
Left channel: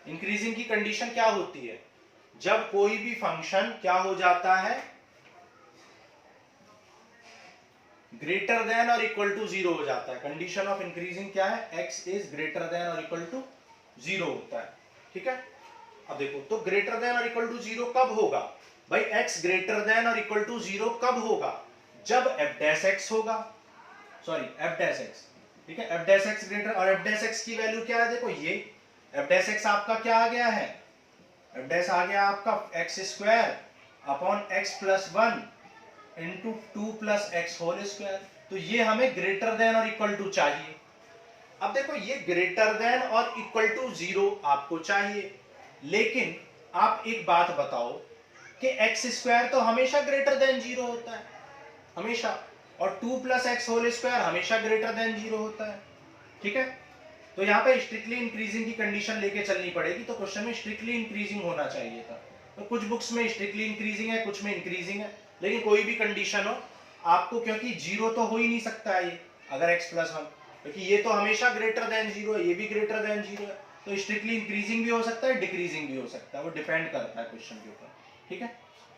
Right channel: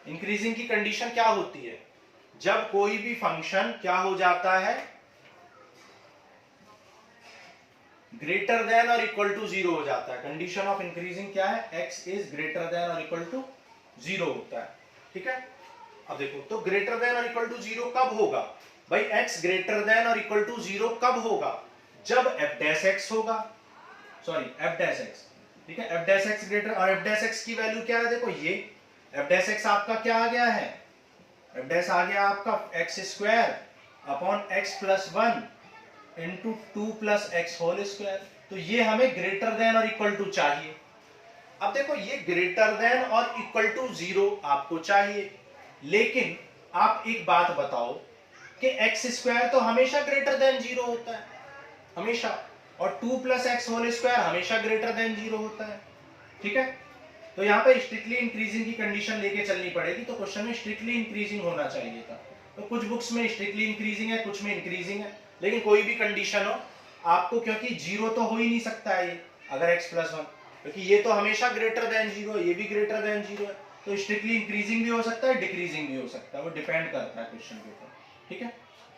इंक्रीजिंग की कंडीशन क्या होती है, जब कोई भी फंक्शन क्या हो जाता है, ग्रेटर देन और इक्वल टू 0 हो जाता है। कंडीशन ऑफ इंक्रीजिंग क्या है, x इज ग्रेटर देन और इक्वल टू 0 होता है, ठीक है। अब देखो तो ग्रेटर देन और इक्वल टू 0 कब होगा भाई, x ग्रेटर देन और इक्वल टू 0 कब होगा, जब f डैश x होगा, सॉरी f डैश x, ठीक है। f डैश x ग्रेटर, और f डैश x की वैल्यू क्या है, देखो ये f डैश x आपका क्या आ गया है, f डैश आ गया आपका x square upon x plus 1 into 2 plus x whole square. तो ये हमें ग्रेटर देन और इक्वल टू चाहिए। अब देखो ये ग्रेटर देन और इक्वल टू 0 आपको चाहिए, लेकिन आप एक बात बताओ कि एक्स स्क्वायर तो हमेशा ग्रेटर देन 0 होता है, हमेशा, और 2 प्लस एक्स होल स्क्वायर हमेशा ग्रेटर देन 0 होता है, ठीक है। तो यहाँ पे स्ट्रिक्टली इंक्रीजिंग की कंडीशन लेके चलनी पड़ेगी, तो क्वेश्चन में स्ट्रिक्टली इंक्रीजिंग होना चाहिए था। तो कुछ बुक्स में स्ट्रिक्टली इंक्रीजिंग है, कुछ में इंक्रीजिंग है, लेकिन कोई भी कंडीशन हो आपको, क्योंकि 0 तो हो ही नहीं सकता है ये अगर x प्लस 1, क्योंकि ये तो हमेशा ग्रेटर देन 0 है, ये भी ग्रेटर देन 0 है, तो स्ट्रिक्टली इंक्रीजिंग भी हो सकता है, डिक्रीजिंग भी हो सकता है, वो डिपेंड करता है क्वेश्चन के ऊपर, ठीक है।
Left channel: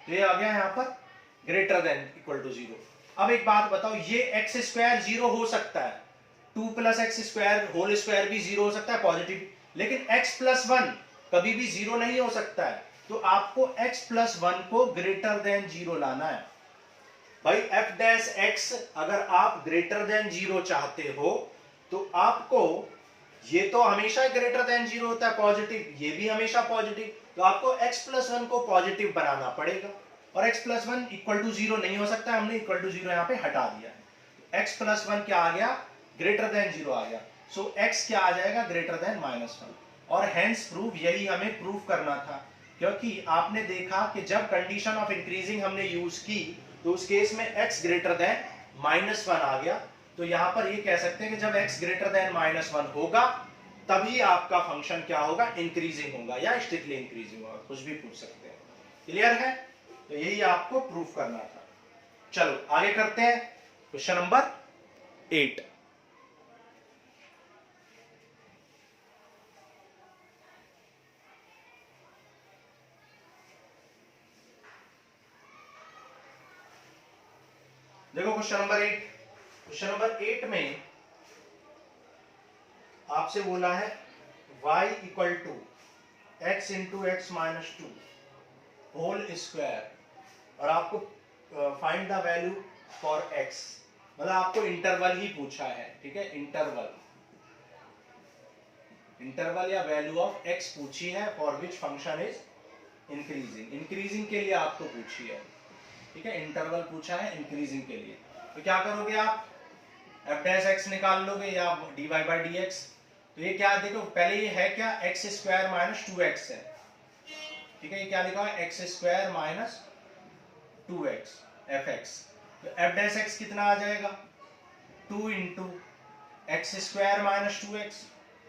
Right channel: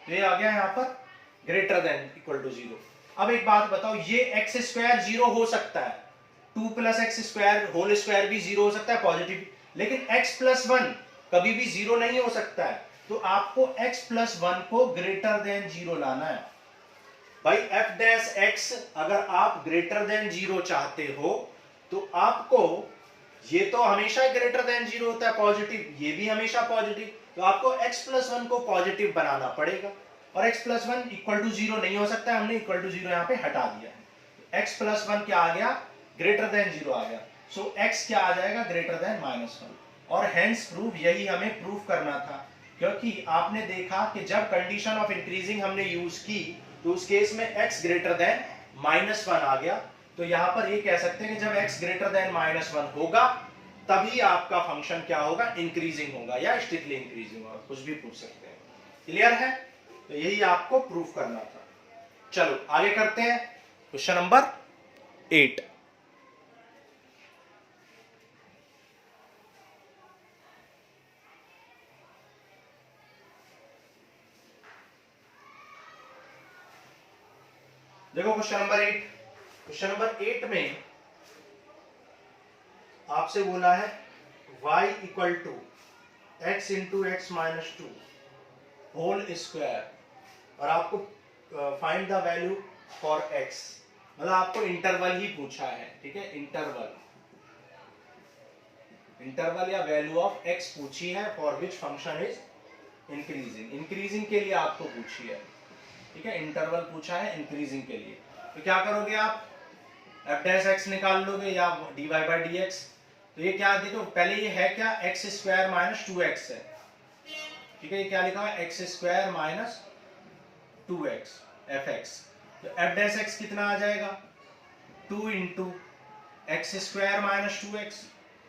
तो ये आ गया यहाँ पर ग्रेटर देन इक्वल टू 0। अब एक बात बताओ, ये एक्स स्क्वायर 0 हो सकता है, 2 plus x square whole square भी 0 हो सकता है पॉजिटिव, लेकिन x प्लस 1 कभी भी 0 नहीं हो सकता है। तो आपको x प्लस 1 को ग्रेटर देन 0 लाना है भाई। f डैश x अगर आप ग्रेटर देन 0 चाहते हो तो आपको, ये तो हमेशा ग्रेटर देन 0 होता है पॉजिटिव, ये भी हमेशा पॉजिटिव, तो आपको x प्लस 1 को पॉजिटिव बनाना पड़ेगा, और x प्लस 1 इक्वल टू 0 नहीं हो सकता, हमने इक्वल टू 0 यहाँ पे हटा दिया है। x प्लस 1 क्या आ गया, ग्रेटर देन 0 आ गया, सो x क्या आ जाएगा, ग्रेटर देन -1, और हेंस प्रूफ, यही हमें प्रूफ करना था, क्योंकि आपने देखा कि जब कंडीशन ऑफ इंक्रीजिंग हमने यूज की तो उस केस में x ग्रेटर देन -1 आ गया। तो यहां पर ये कह सकते हैं कि जब x ग्रेटर देन -1 होगा तभी आपका फंक्शन क्या होगा, इंक्रीजिंग होगा या स्ट्रिक्टली इंक्रीजिंग होगा, कुछ भी पूछ सकते हैं। क्लियर है, तो यही आपको प्रूफ करना था। चलो आगे करते हैं, क्वेश्चन नंबर 8। देखो क्वेश्चन नंबर 8, क्वेश्चन नंबर 8 में आपसे बोला है y equal to x into x minus 2 whole square, और आपको find the value for x, मतलब आपको इंटरवल ही पूछा है, ठीक है, इंटरवल या वैल्यू ऑफ x पूछी है, for which function is increasing के लिए आपको पूछी है, ठीक है, इंटरवल पूछा है इंक्रीजिंग के लिए। तो क्या करोगे आप, f डैश x निकाल लोगे या dy बाई dx। तो ये क्या, देखो पहले ये है क्या, एक्स स्क्वायर माइनस 2x है, ठीक है, ये क्या लिखा हुआ है, x square minus 2x fx। तो f डैश x कितना आ जाएगा, 2 into x square minus 2x,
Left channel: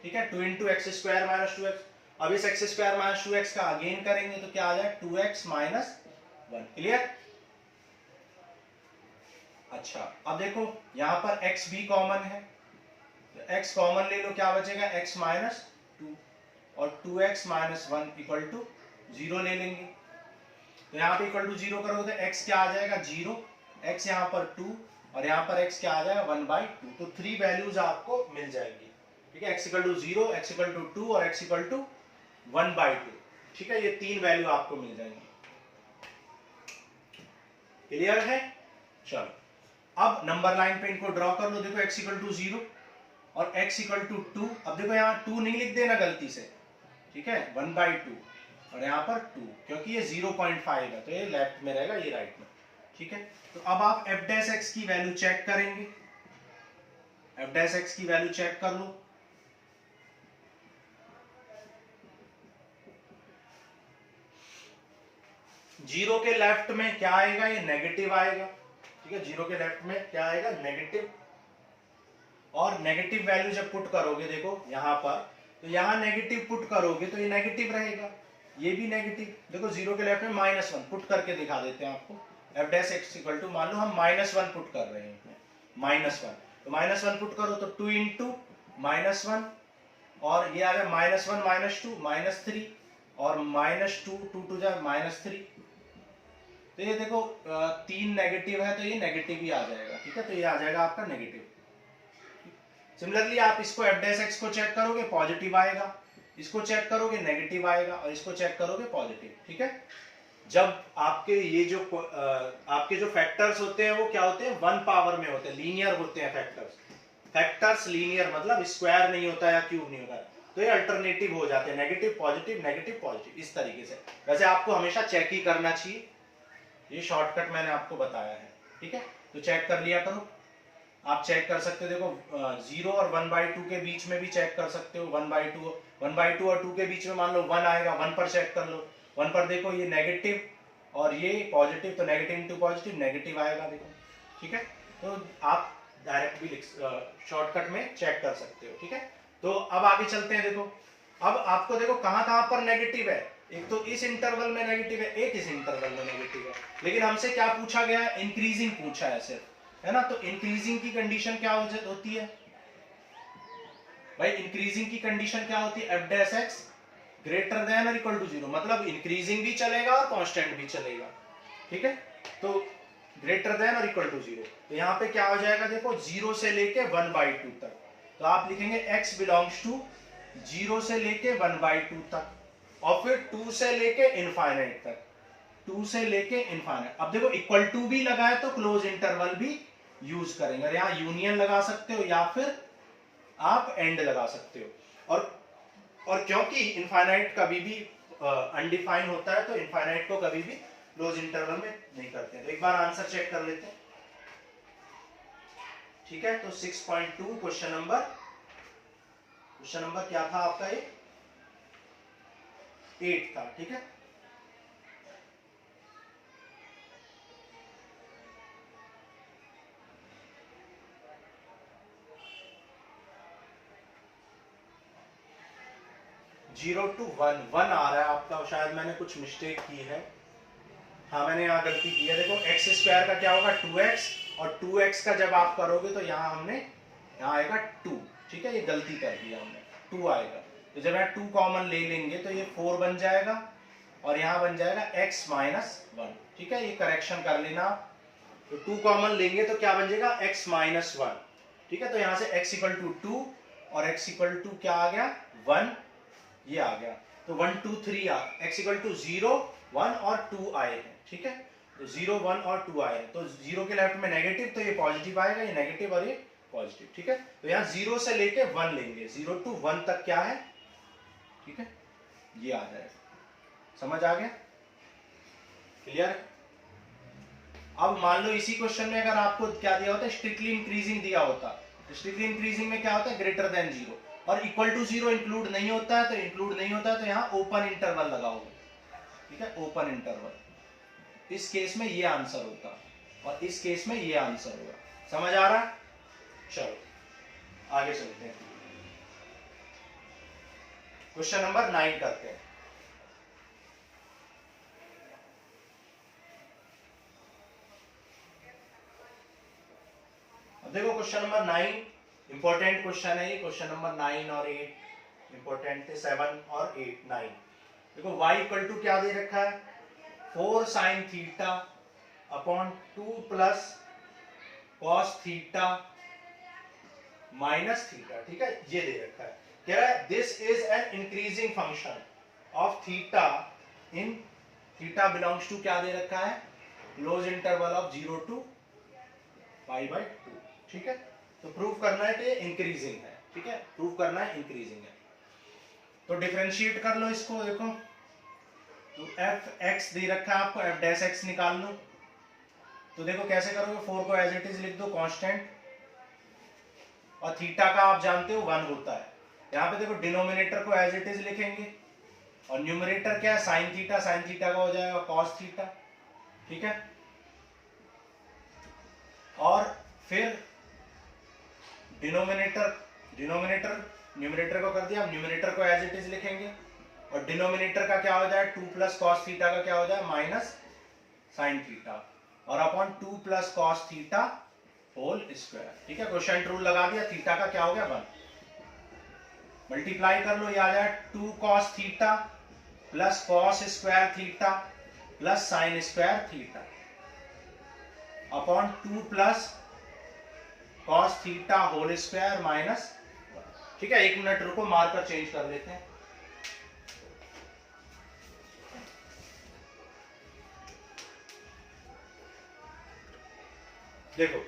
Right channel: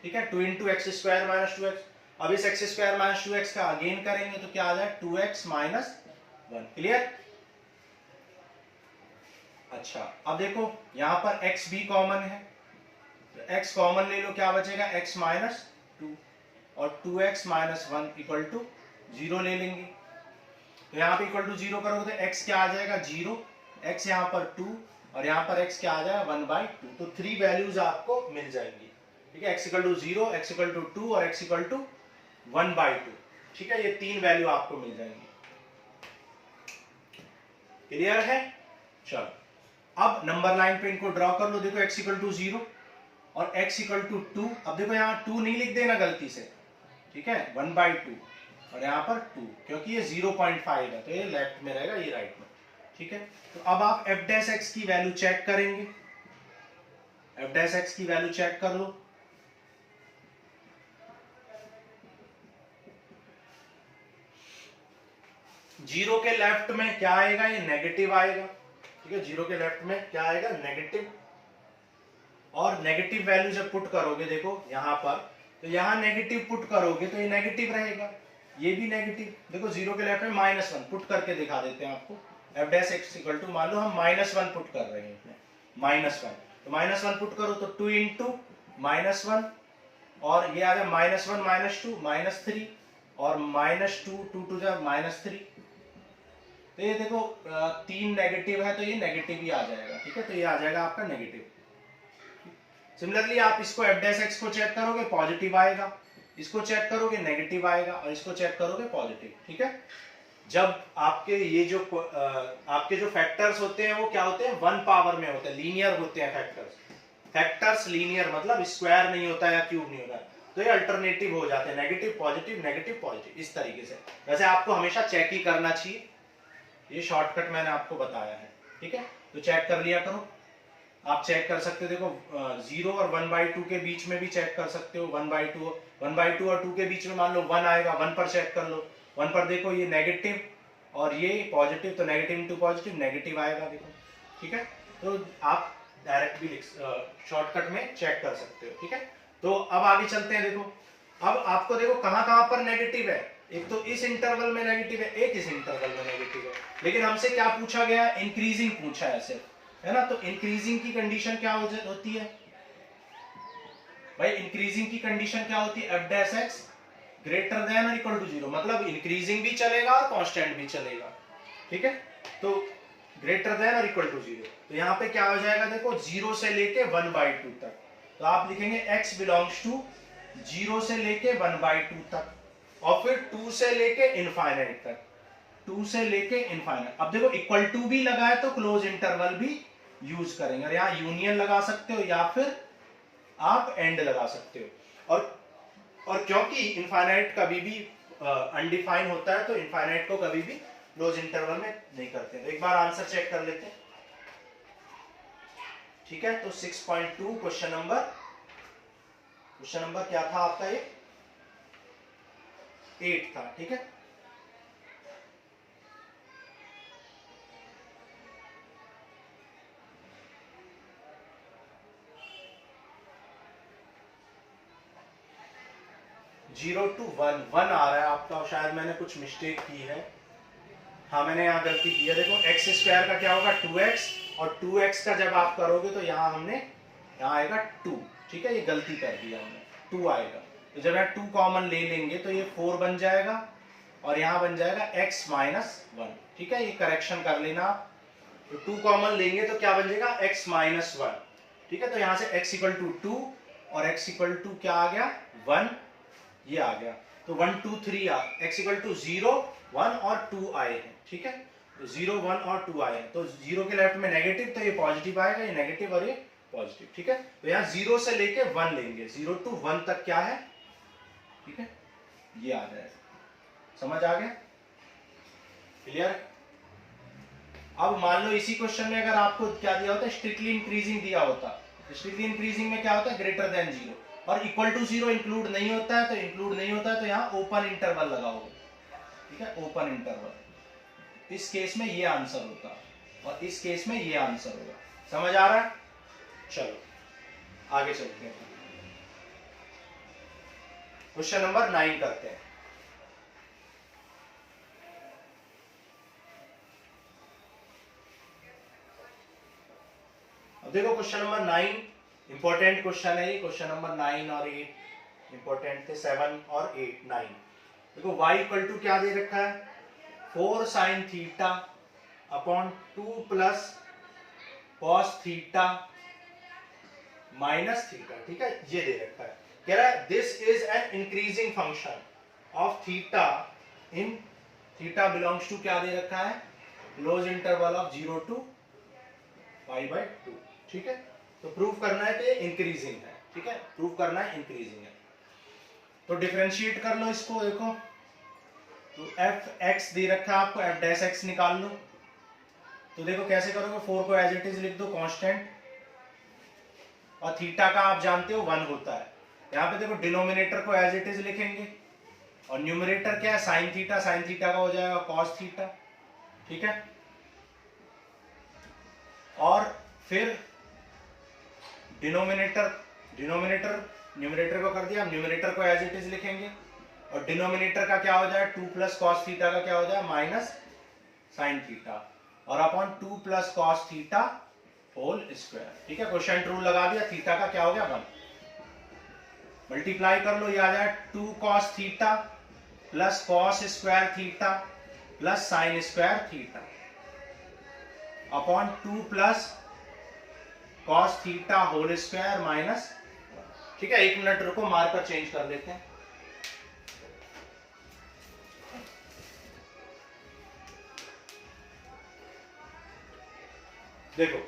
ठीक है, 2 into x square minus 2x। अब इस एक्स स्क्वायर माइनस 2x का अगेन करेंगे तो क्या आ जाए, 2x माइनस 1। क्लियर। अच्छा अब देखो यहां पर x भी कॉमन है, तो x कॉमन ले लो, क्या बचेगा x माइनस 2 और 2x माइनस 1 इक्वल टू 0 ले लेंगे। तो यहाँ पे इक्वल टू 0 करोगे तो x क्या आ जाएगा 0, x यहाँ पर 2 और यहाँ पर x क्या आ जाएगा 1/2। तो 3 वैल्यूज आपको मिल जाएंगी, ठीक है, x equal to 0, x equal to 2 और x इक्वल टू 1/2। ठीक है, ये 3 वैल्यू आपको मिल जाएंगी। क्लियर है? चलो अब नंबर लाइन पे इनको ड्रॉ कर लो। देखो x इक्वल टू 0 और x इक्वल टू 2। अब देखो यहाँ 2 नहीं लिख देना गलती से, ठीक है, 1/2 और यहाँ पर 2, क्योंकि ये 0.5 है तो ये लेफ्ट में रहेगा, ये राइट में। ठीक है, तो अब आप f डैश x की वैल्यू चेक करेंगे। f डैश x की वैल्यू चेक कर लो। जीरो के लेफ्ट में क्या आएगा, ये नेगेटिव आएगा। ठीक है, जीरो के लेफ्ट में क्या आएगा, नेगेटिव। और नेगेटिव वैल्यू जब पुट करोगे, देखो यहां पर, तो यहां नेगेटिव पुट करोगे तो ये नेगेटिव रहेगा, ये भी नेगेटिव। देखो जीरो के लेफ्ट में -1 पुट करके दिखा देते हैं आपको। f dash x equal to, मान लो हम -1 पुट कर रहे हैं, -1, तो -1 पुट करो तो 2 इंटू -1 और ये आ जाए -1 -2 -3 और -2 2 टू जा -3। तो ये देखो 3 नेगेटिव है तो ये नेगेटिव ही आ जाएगा। ठीक है, तो ये आ जाएगा आपका नेगेटिव। सिमिलरली आप इसको f डैश x को चेक करोगे पॉजिटिव आएगा, इसको चेक करोगे नेगेटिव आएगा और इसको चेक करोगे पॉजिटिव। ठीक है, जब आपके ये जो आपके जो फैक्टर्स होते हैं वो क्या होते हैं, 1 पावर में होते हैं, लीनियर होते हैं फैक्टर्स। फैक्टर्स लीनियर मतलब स्क्वायर नहीं होता या क्यूब नहीं होता, तो ये अल्टरनेटिव हो जाते हैं, नेगेटिव पॉजिटिव इस तरीके से। वैसे आपको हमेशा चेक ही करना चाहिए, ये शॉर्टकट मैंने आपको बताया है। ठीक है, तो चेक कर लिया करो। आप चेक कर सकते हो, देखो 0 और 1/2 के बीच में भी चेक कर सकते हो। 1/2 और 2 के बीच में मान लो 1 आएगा, 1 पर चेक कर लो। 1 पर देखो ये नेगेटिव और ये पॉजिटिव, तो नेगेटिव इंटू पॉजिटिव नेगेटिव आएगा, देखो। ठीक है, तो आप डायरेक्ट भी शॉर्टकट में चेक कर सकते हो। ठीक है, तो अब आगे चलते हैं। देखो अब आपको देखो कहां कहां पर नेगेटिव है, एक तो इस इंटरवल में नेगेटिव है, एक इस इंटरवल में नेगेटिव है। लेकिन हमसे क्या पूछा गया है, इंक्रीजिंग पूछा है सिर्फ, है ना। तो इंक्रीजिंग की कंडीशन क्या होती है भाई, इंक्रीजिंग की कंडीशन क्या होती है, f dash x greater than और इक्वल टू 0, मतलब इंक्रीजिंग भी चलेगा और कांस्टेंट भी चलेगा। ठीक है, तो ग्रेटर देन और इक्वल टू 0, तो यहाँ पे क्या हो जाएगा, देखो 0 से लेके 1/2 तक, तो आप लिखेंगे x बिलोंग्स टू 0 से लेके 1/2 तक और फिर 2 से लेके इनफाइनाइट तक, 2 से लेके इनफाइनाइट। अब देखो इक्वल टू भी लगाए तो क्लोज इंटरवल भी यूज करेंगे, और यहाँ यूनियन लगा सकते हो या फिर आप एंड लगा सकते हो। और क्योंकि इनफाइनाइट कभी भी अनडिफाइन होता है तो इनफाइनाइट को कभी भी क्लोज इंटरवल में नहीं करते। तो एक बार आंसर चेक कर लेते हैं। ठीक है, तो 6.2 क्वेश्चन नंबर क्या था आपका, ये 8 था। ठीक है, जीरो टू 1 आ रहा है आपका, शायद मैंने कुछ मिस्टेक की है। हाँ, मैंने यहाँ गलती की है। देखो एक्स स्क्वायर का क्या होगा 2x, और 2x का जब आप करोगे तो यहाँ आएगा 2। ठीक है, ये गलती कर दिया हमने, 2 आएगा। तो जब यहाँ 2 कॉमन ले लेंगे तो ये 4 बन जाएगा और यहाँ बन जाएगा x माइनस 1। ठीक है, ये करेक्शन कर लेना आप। तो 2 कॉमन लेंगे तो क्या बन जाएगा x माइनस 1। ठीक है, तो यहाँ से x इक्वल टू 2 और x इक्वल टू क्या आ गया 1, ये आ गया। तो 1 2 3 x इक्वल टू 0 1 और 2 आए हैं। ठीक है, तो 0 1 और 2 आए हैं, तो 0 के लेफ्ट में नेगेटिव, तो ये पॉजिटिव आएगा, ये नेगेटिव और ये पॉजिटिव। ठीक है, तो यहाँ 0 से लेके 1 लेंगे, 0 टू 1 तक क्या है। ठीक है, ये आ जाएगा। समझ आ गया, क्लियर। अब मान लो इसी क्वेश्चन में अगर आपको क्या दिया होता है, स्ट्रिक्टली इंक्रीजिंग दिया होता, तो स्ट्रिक्टली इंक्रीजिंग में क्या होता है, ग्रेटर देन 0 और इक्वल टू 0 इंक्लूड नहीं होता है, तो यहाँ ओपन इंटरवल लगाओगे। ठीक है, ओपन इंटरवल। इस केस में ये आंसर होता और इस केस में ये आंसर होगा। समझ आ रहा है? चलो आगे चलते हैं, क्वेश्चन नंबर 9 करते हैं। अब देखो क्वेश्चन नंबर 9 इंपॉर्टेंट क्वेश्चन है ये, क्वेश्चन नंबर 9 और 8 इंपॉर्टेंट थे, 7 और 8 9। देखो y इक्वल टू क्या दे रखा है, 4 sine theta upon 2 plus cos theta minus theta, ठीक है, ये दे रखा है। कह रहा है this is an increasing function of theta in, theta belongs to क्या दे रखा है, क्लोज इंटरवल ऑफ 0 टू π/2, ठीक है। तो प्रूव करना है तो ये इंक्रीजिंग है, ठीक है, प्रूव करना है इंक्रीजिंग है। तो डिफरेंशिएट कर लो इसको, देखो तो एफ एक्स दे रखा है आपको, एफ डैश एक्स निकाल लो। तो देखो कैसे करोगे, 4 को एज इट इज लिख दो कांस्टेंट, और थीटा का आप जानते हो 1 होता है। यहाँ पे देखो डिनोमिनेटर को एज इट इज लिखेंगे, और न्यूमरेटर क्या है, साइन थीटा, साइन थीटा का हो जाएगा कॉस थीटा, ठीक है। और फिर डिनोमिनेटर न्यूमरेटर को कर दिया, हम न्यूमरेटर को एज इट इज लिखेंगे, और डिनोमिनेटर का क्या हो जाए 2 प्लस कॉस थीटा का क्या हो जाए माइनस साइन थीटा, और upon 2 plus cos theta whole square, ठीक है। क्वोशिएंट रूल लगा दिया, थीटा का क्या हो गया 1, मल्टीप्लाई कर लो, ये आ जाए 2 cos theta plus cos square theta plus sine square theta upon 2 plus cos theta whole square minus, ठीक है। 1 मिनट रुको, मार्कर चेंज कर लेते हैं। देखो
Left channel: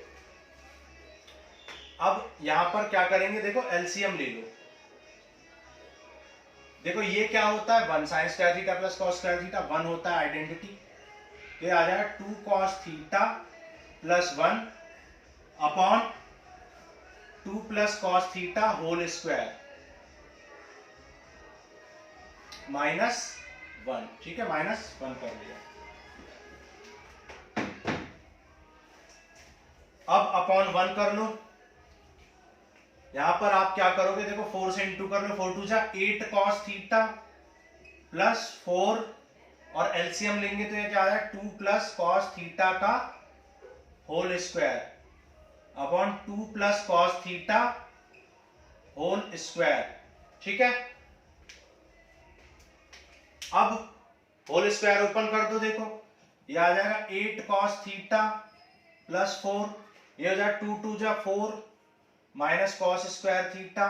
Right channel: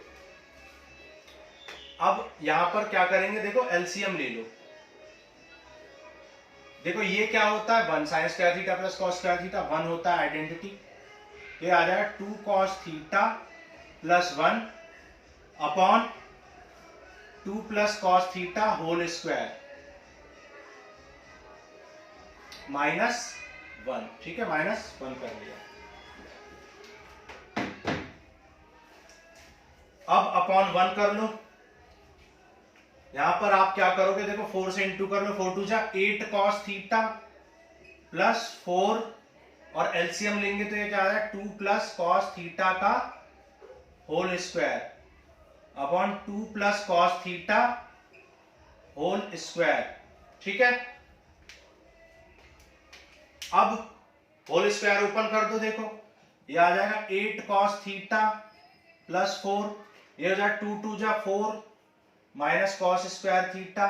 अब यहां पर क्या करेंगे, देखो एलसीएम ले लो। देखो ये क्या होता है 1 sine square theta plus cos square theta 1 होता है आइडेंटिटी, ये आ जाएगा 2 cos theta plus 1 upon 2 plus cos theta whole square minus 1, ठीक है, माइनस 1 कर लिया। अब अपॉन 1 कर लो, यहां पर आप क्या करोगे, देखो 4 से इंटू कर लो, 4 2 जा 8 कॉस थीटा प्लस 4, और एलसीएम लेंगे तो ये क्या आ रहा है 2 प्लस कॉस थीटा का whole square upon 2 plus cos theta whole square, ठीक है। अब होल स्क्वायर ओपन कर दो, देखो ये आ जाएगा 8 कॉस थीटा प्लस 4, ये हो जाए 2 2 जा 4 minus cos square theta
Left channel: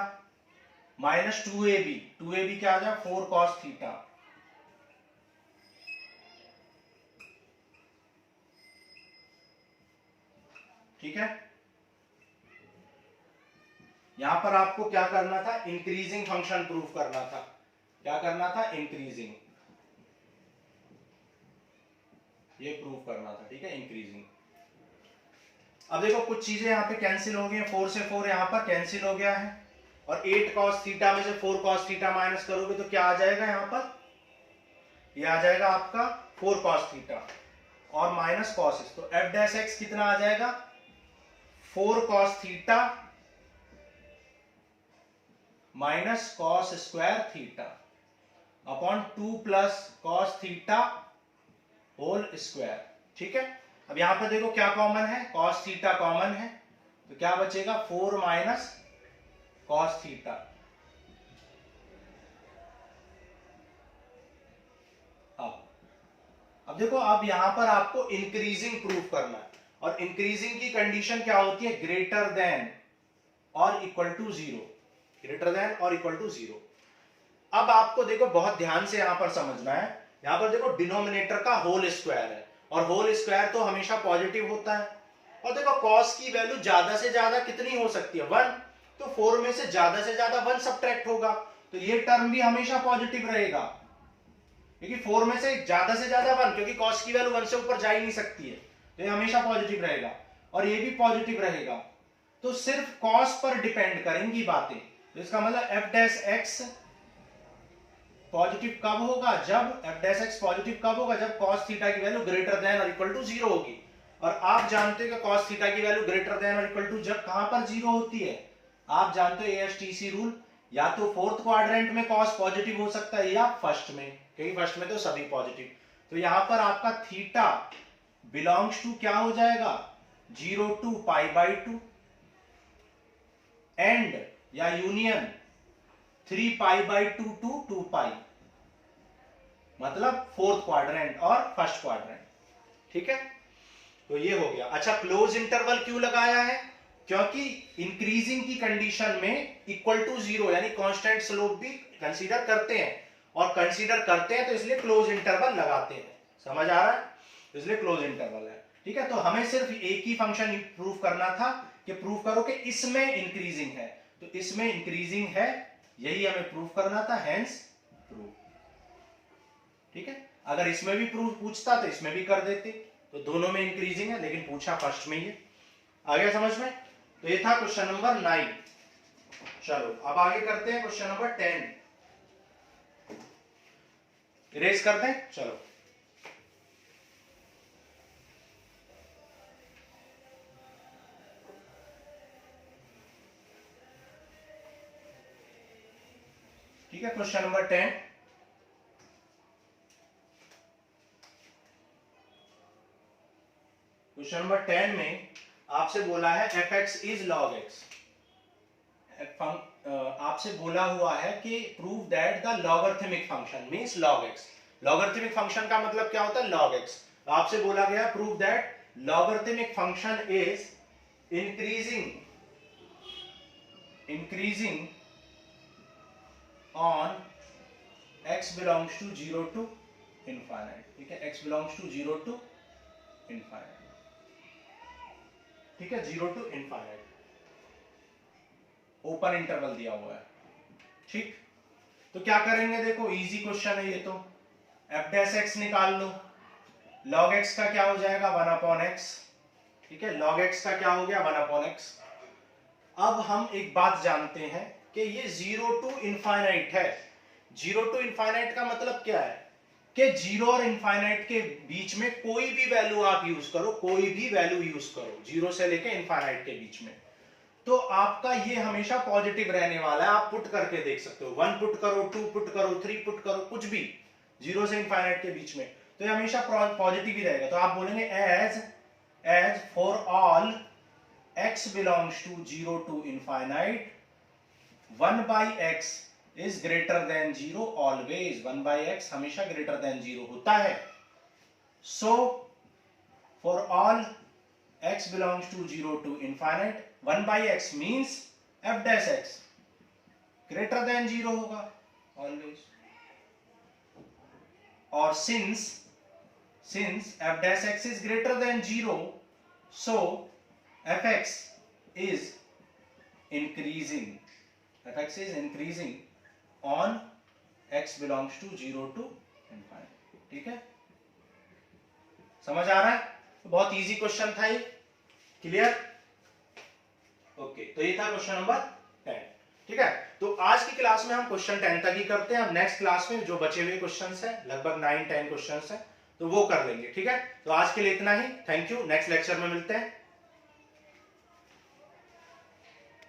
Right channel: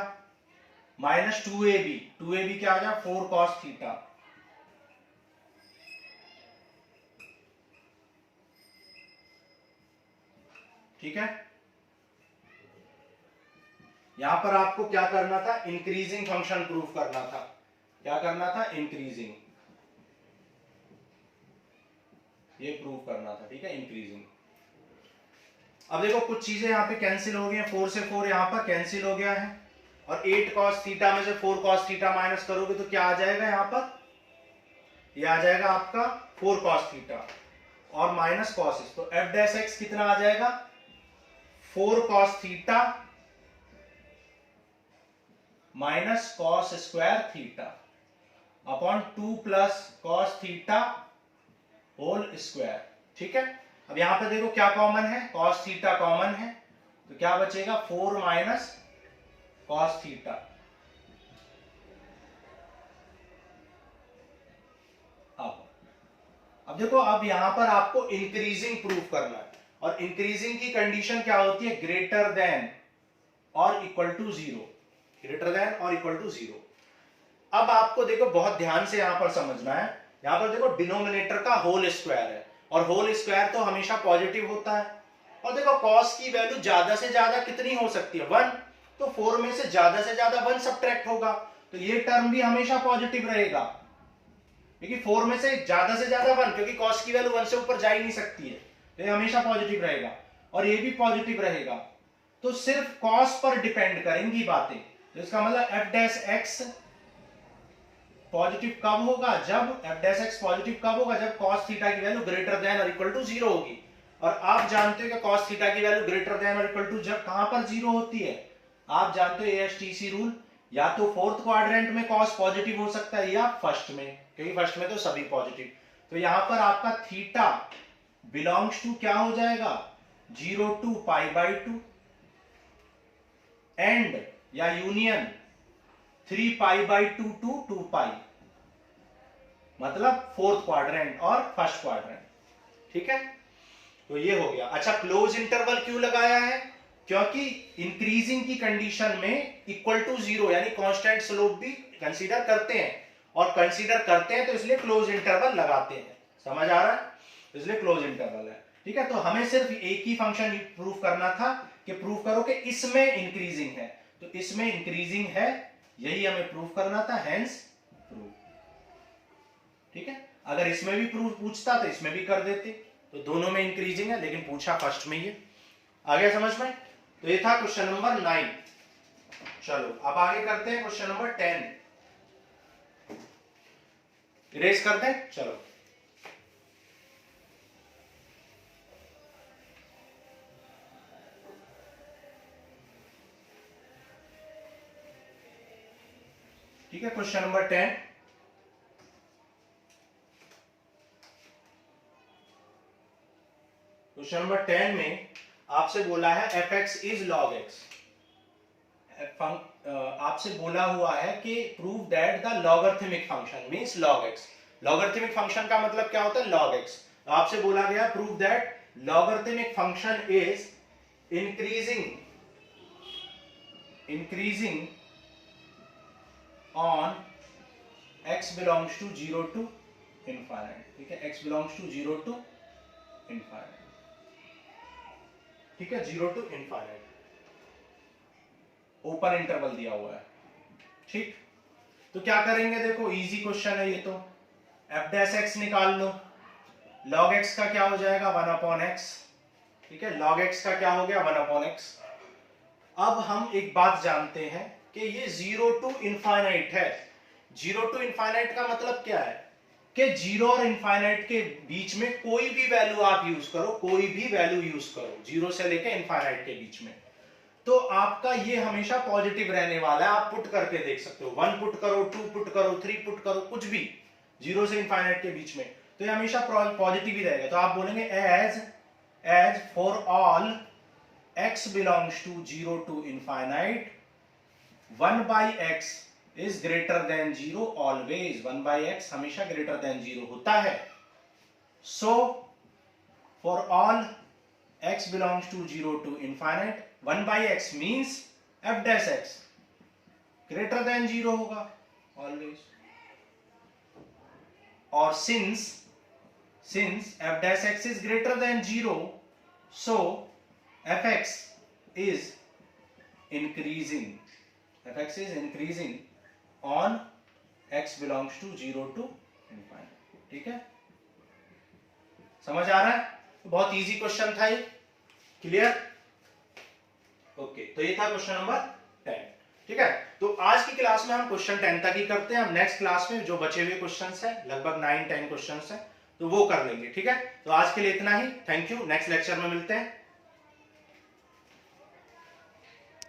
minus 2ab क्या आ जाए 4 कॉस थीटा, ठीक है। यहां पर आपको क्या करना था, इंक्रीजिंग फंक्शन प्रूफ करना था, क्या करना था, इंक्रीजिंग, ये प्रूफ करना था, ठीक है, इंक्रीजिंग। अब देखो कुछ चीजें यहाँ पे कैंसिल हो गई हैं, 4 से 4 यहाँ पर कैंसिल हो गया है, और 8 कॉस थीटा में से 4 कॉस थीटा माइनस करोगे तो क्या आ जाएगा, यहाँ पर ये आ जाएगा आपका 4 कॉस थीटा और माइनस कॉस, तो एफ डैश एक्स कितना आ जाएगा 4 cos theta minus cos square theta upon 2 plus cos theta whole square, ठीक है। अब यहां पर देखो क्या कॉमन है, कॉस थीटा कॉमन है, तो क्या बचेगा 4 माइनस कॉस थीटा। अब देखो, अब यहां पर आपको इंक्रीजिंग प्रूफ करना है, और इंक्रीजिंग की कंडीशन क्या होती है, ग्रेटर देन और इक्वल टू 0, ग्रेटर देन और इक्वल टू 0। अब आपको देखो बहुत ध्यान से यहां पर समझना है, यहां पर देखो डिनोमिनेटर का होल स्क्वायर है, और होल स्क्वायर तो हमेशा पॉजिटिव होता है, और देखो कॉस की वैल्यू ज्यादा से ज्यादा कितनी हो सकती है 1, तो 4 में से ज्यादा 1 सब्ट्रैक्ट होगा, तो ये टर्म भी हमेशा पॉजिटिव रहेगा, क्योंकि 4 में से ज्यादा 1, क्योंकि कॉस की वैल्यू 1 से ऊपर जा ही नहीं सकती है, तो ये हमेशा पॉजिटिव रहेगा, और ये भी पॉजिटिव रहेगा। तो सिर्फ कॉस पर डिपेंड करेंगी बातें, तो इसका मतलब एफ डैश एक्स पॉजिटिव कब होगा, जब एफ डैश एक्स पॉजिटिव कब होगा, जब कॉस थीटा की वैल्यू ग्रेटर देन और इक्वल टू 0 होगी। और आप जानते हो कि कॉस थीटा की वैल्यू ग्रेटर देन और इक्वल टू जब कहां पर 0 होती है, आप जानते हो एएसटीसी रूल, या तो फोर्थ क्वाड्रेंट में कॉस पॉजिटिव हो सकता है या फर्स्ट में, क्योंकि फर्स्ट में तो सभी पॉजिटिव। तो यहां पर आपका थीटा बिलोंग्स टू क्या हो जाएगा 0 टू π/2, एंड या यूनियन 3 पाई बाई 2 टू 2 पाई, मतलब फोर्थ क्वाड्रेंट और फर्स्ट क्वाड्रेंट। ठीक है, तो ये हो गया। अच्छा, क्लोज इंटरवल क्यों लगाया है? क्योंकि इंक्रीजिंग की कंडीशन में इक्वल टू जीरो यानी कांस्टेंट स्लोप भी कंसीडर करते हैं, और कंसीडर करते हैं तो इसलिए क्लोज इंटरवल लगाते हैं। समझ आ रहा है? इसलिए क्लोज इंटरवल है। ठीक है, तो हमें सिर्फ एक ही फंक्शन प्रूव करना था कि प्रूव करो कि इसमें इंक्रीजिंग है, तो इसमें इंक्रीजिंग है, यही हमें प्रूव करना था, हेंस प्रूव। ठीक है, अगर इसमें भी प्रूफ पूछता तो इसमें भी कर देते, तो दोनों में इंक्रीजिंग है, लेकिन पूछा फर्स्ट में ही है। आगे समझ में? तो ये था क्वेश्चन नंबर 9। चलो अब आगे करते हैं क्वेश्चन नंबर 10। इरेज करते हैं, चलो। ठीक है, क्वेश्चन नंबर 10। क्वेश्चन नंबर 10 में आपसे बोला है f x is log x. आपसे बोला हुआ है कि prove that the logarithmic function means log x. Logarithmic function का मतलब क्या होता है? Log x. आपसे बोला गया prove that logarithmic function is increasing on x belongs to 0 to infinite. ठीक है, x belongs to 0 to infinite. ठीक है, 0 टू इनफाइनाइट, ओपन इंटरवल दिया हुआ है। ठीक, तो क्या करेंगे? देखो इजी क्वेश्चन है ये तो। एफ डैश एक्स निकाल लो। लॉग एक्स का क्या हो जाएगा? 1 अपॉन एक्स। ठीक है, लॉग एक्स का क्या हो गया? 1 अपॉन एक्स। अब हम एक बात जानते हैं कि ये 0 टू इनफाइनाइट है। 0 टू इनफाइनाइट का मतलब क्या है? कि 0 और इनफाइनाइट के बीच में कोई भी वैल्यू आप यूज करो, कोई भी वैल्यू यूज करो 0 से लेकर इनफाइनाइट के बीच में, तो आपका ये हमेशा पॉजिटिव रहने वाला है। आप पुट करके देख सकते हो, 1 पुट करो, 2 पुट करो, 3 पुट करो, कुछ भी 0 से इनफाइनाइट के बीच में, तो ये हमेशा पॉजिटिव ही रहेगा। तो आप बोलेंगे as for all x belongs to 0 to infinite 1 by x is greater than 0 always. 1 by x हमेशा ग्रेटर देन 0 होता है। So for all x belongs to 0 to infinite 1 by x means f dash x greater than 0 होगा always। और since f dash x is greater than 0 so fx is increasing on x belongs to 0 to infinite। ठीक है, समझ आ रहा है? बहुत easy question था ये। क्लियर? ओके, तो ये था क्वेश्चन नंबर 10। ठीक है, तो आज की क्लास में हम क्वेश्चन 10 तक ही करते हैं। हम नेक्स्ट क्लास में जो बचे हुए क्वेश्चंस हैं, लगभग 9-10 क्वेश्चंस हैं, तो वो कर लेंगे। ठीक है, तो आज के लिए इतना ही। थैंक यू, नेक्स्ट लेक्चर में मिलते हैं।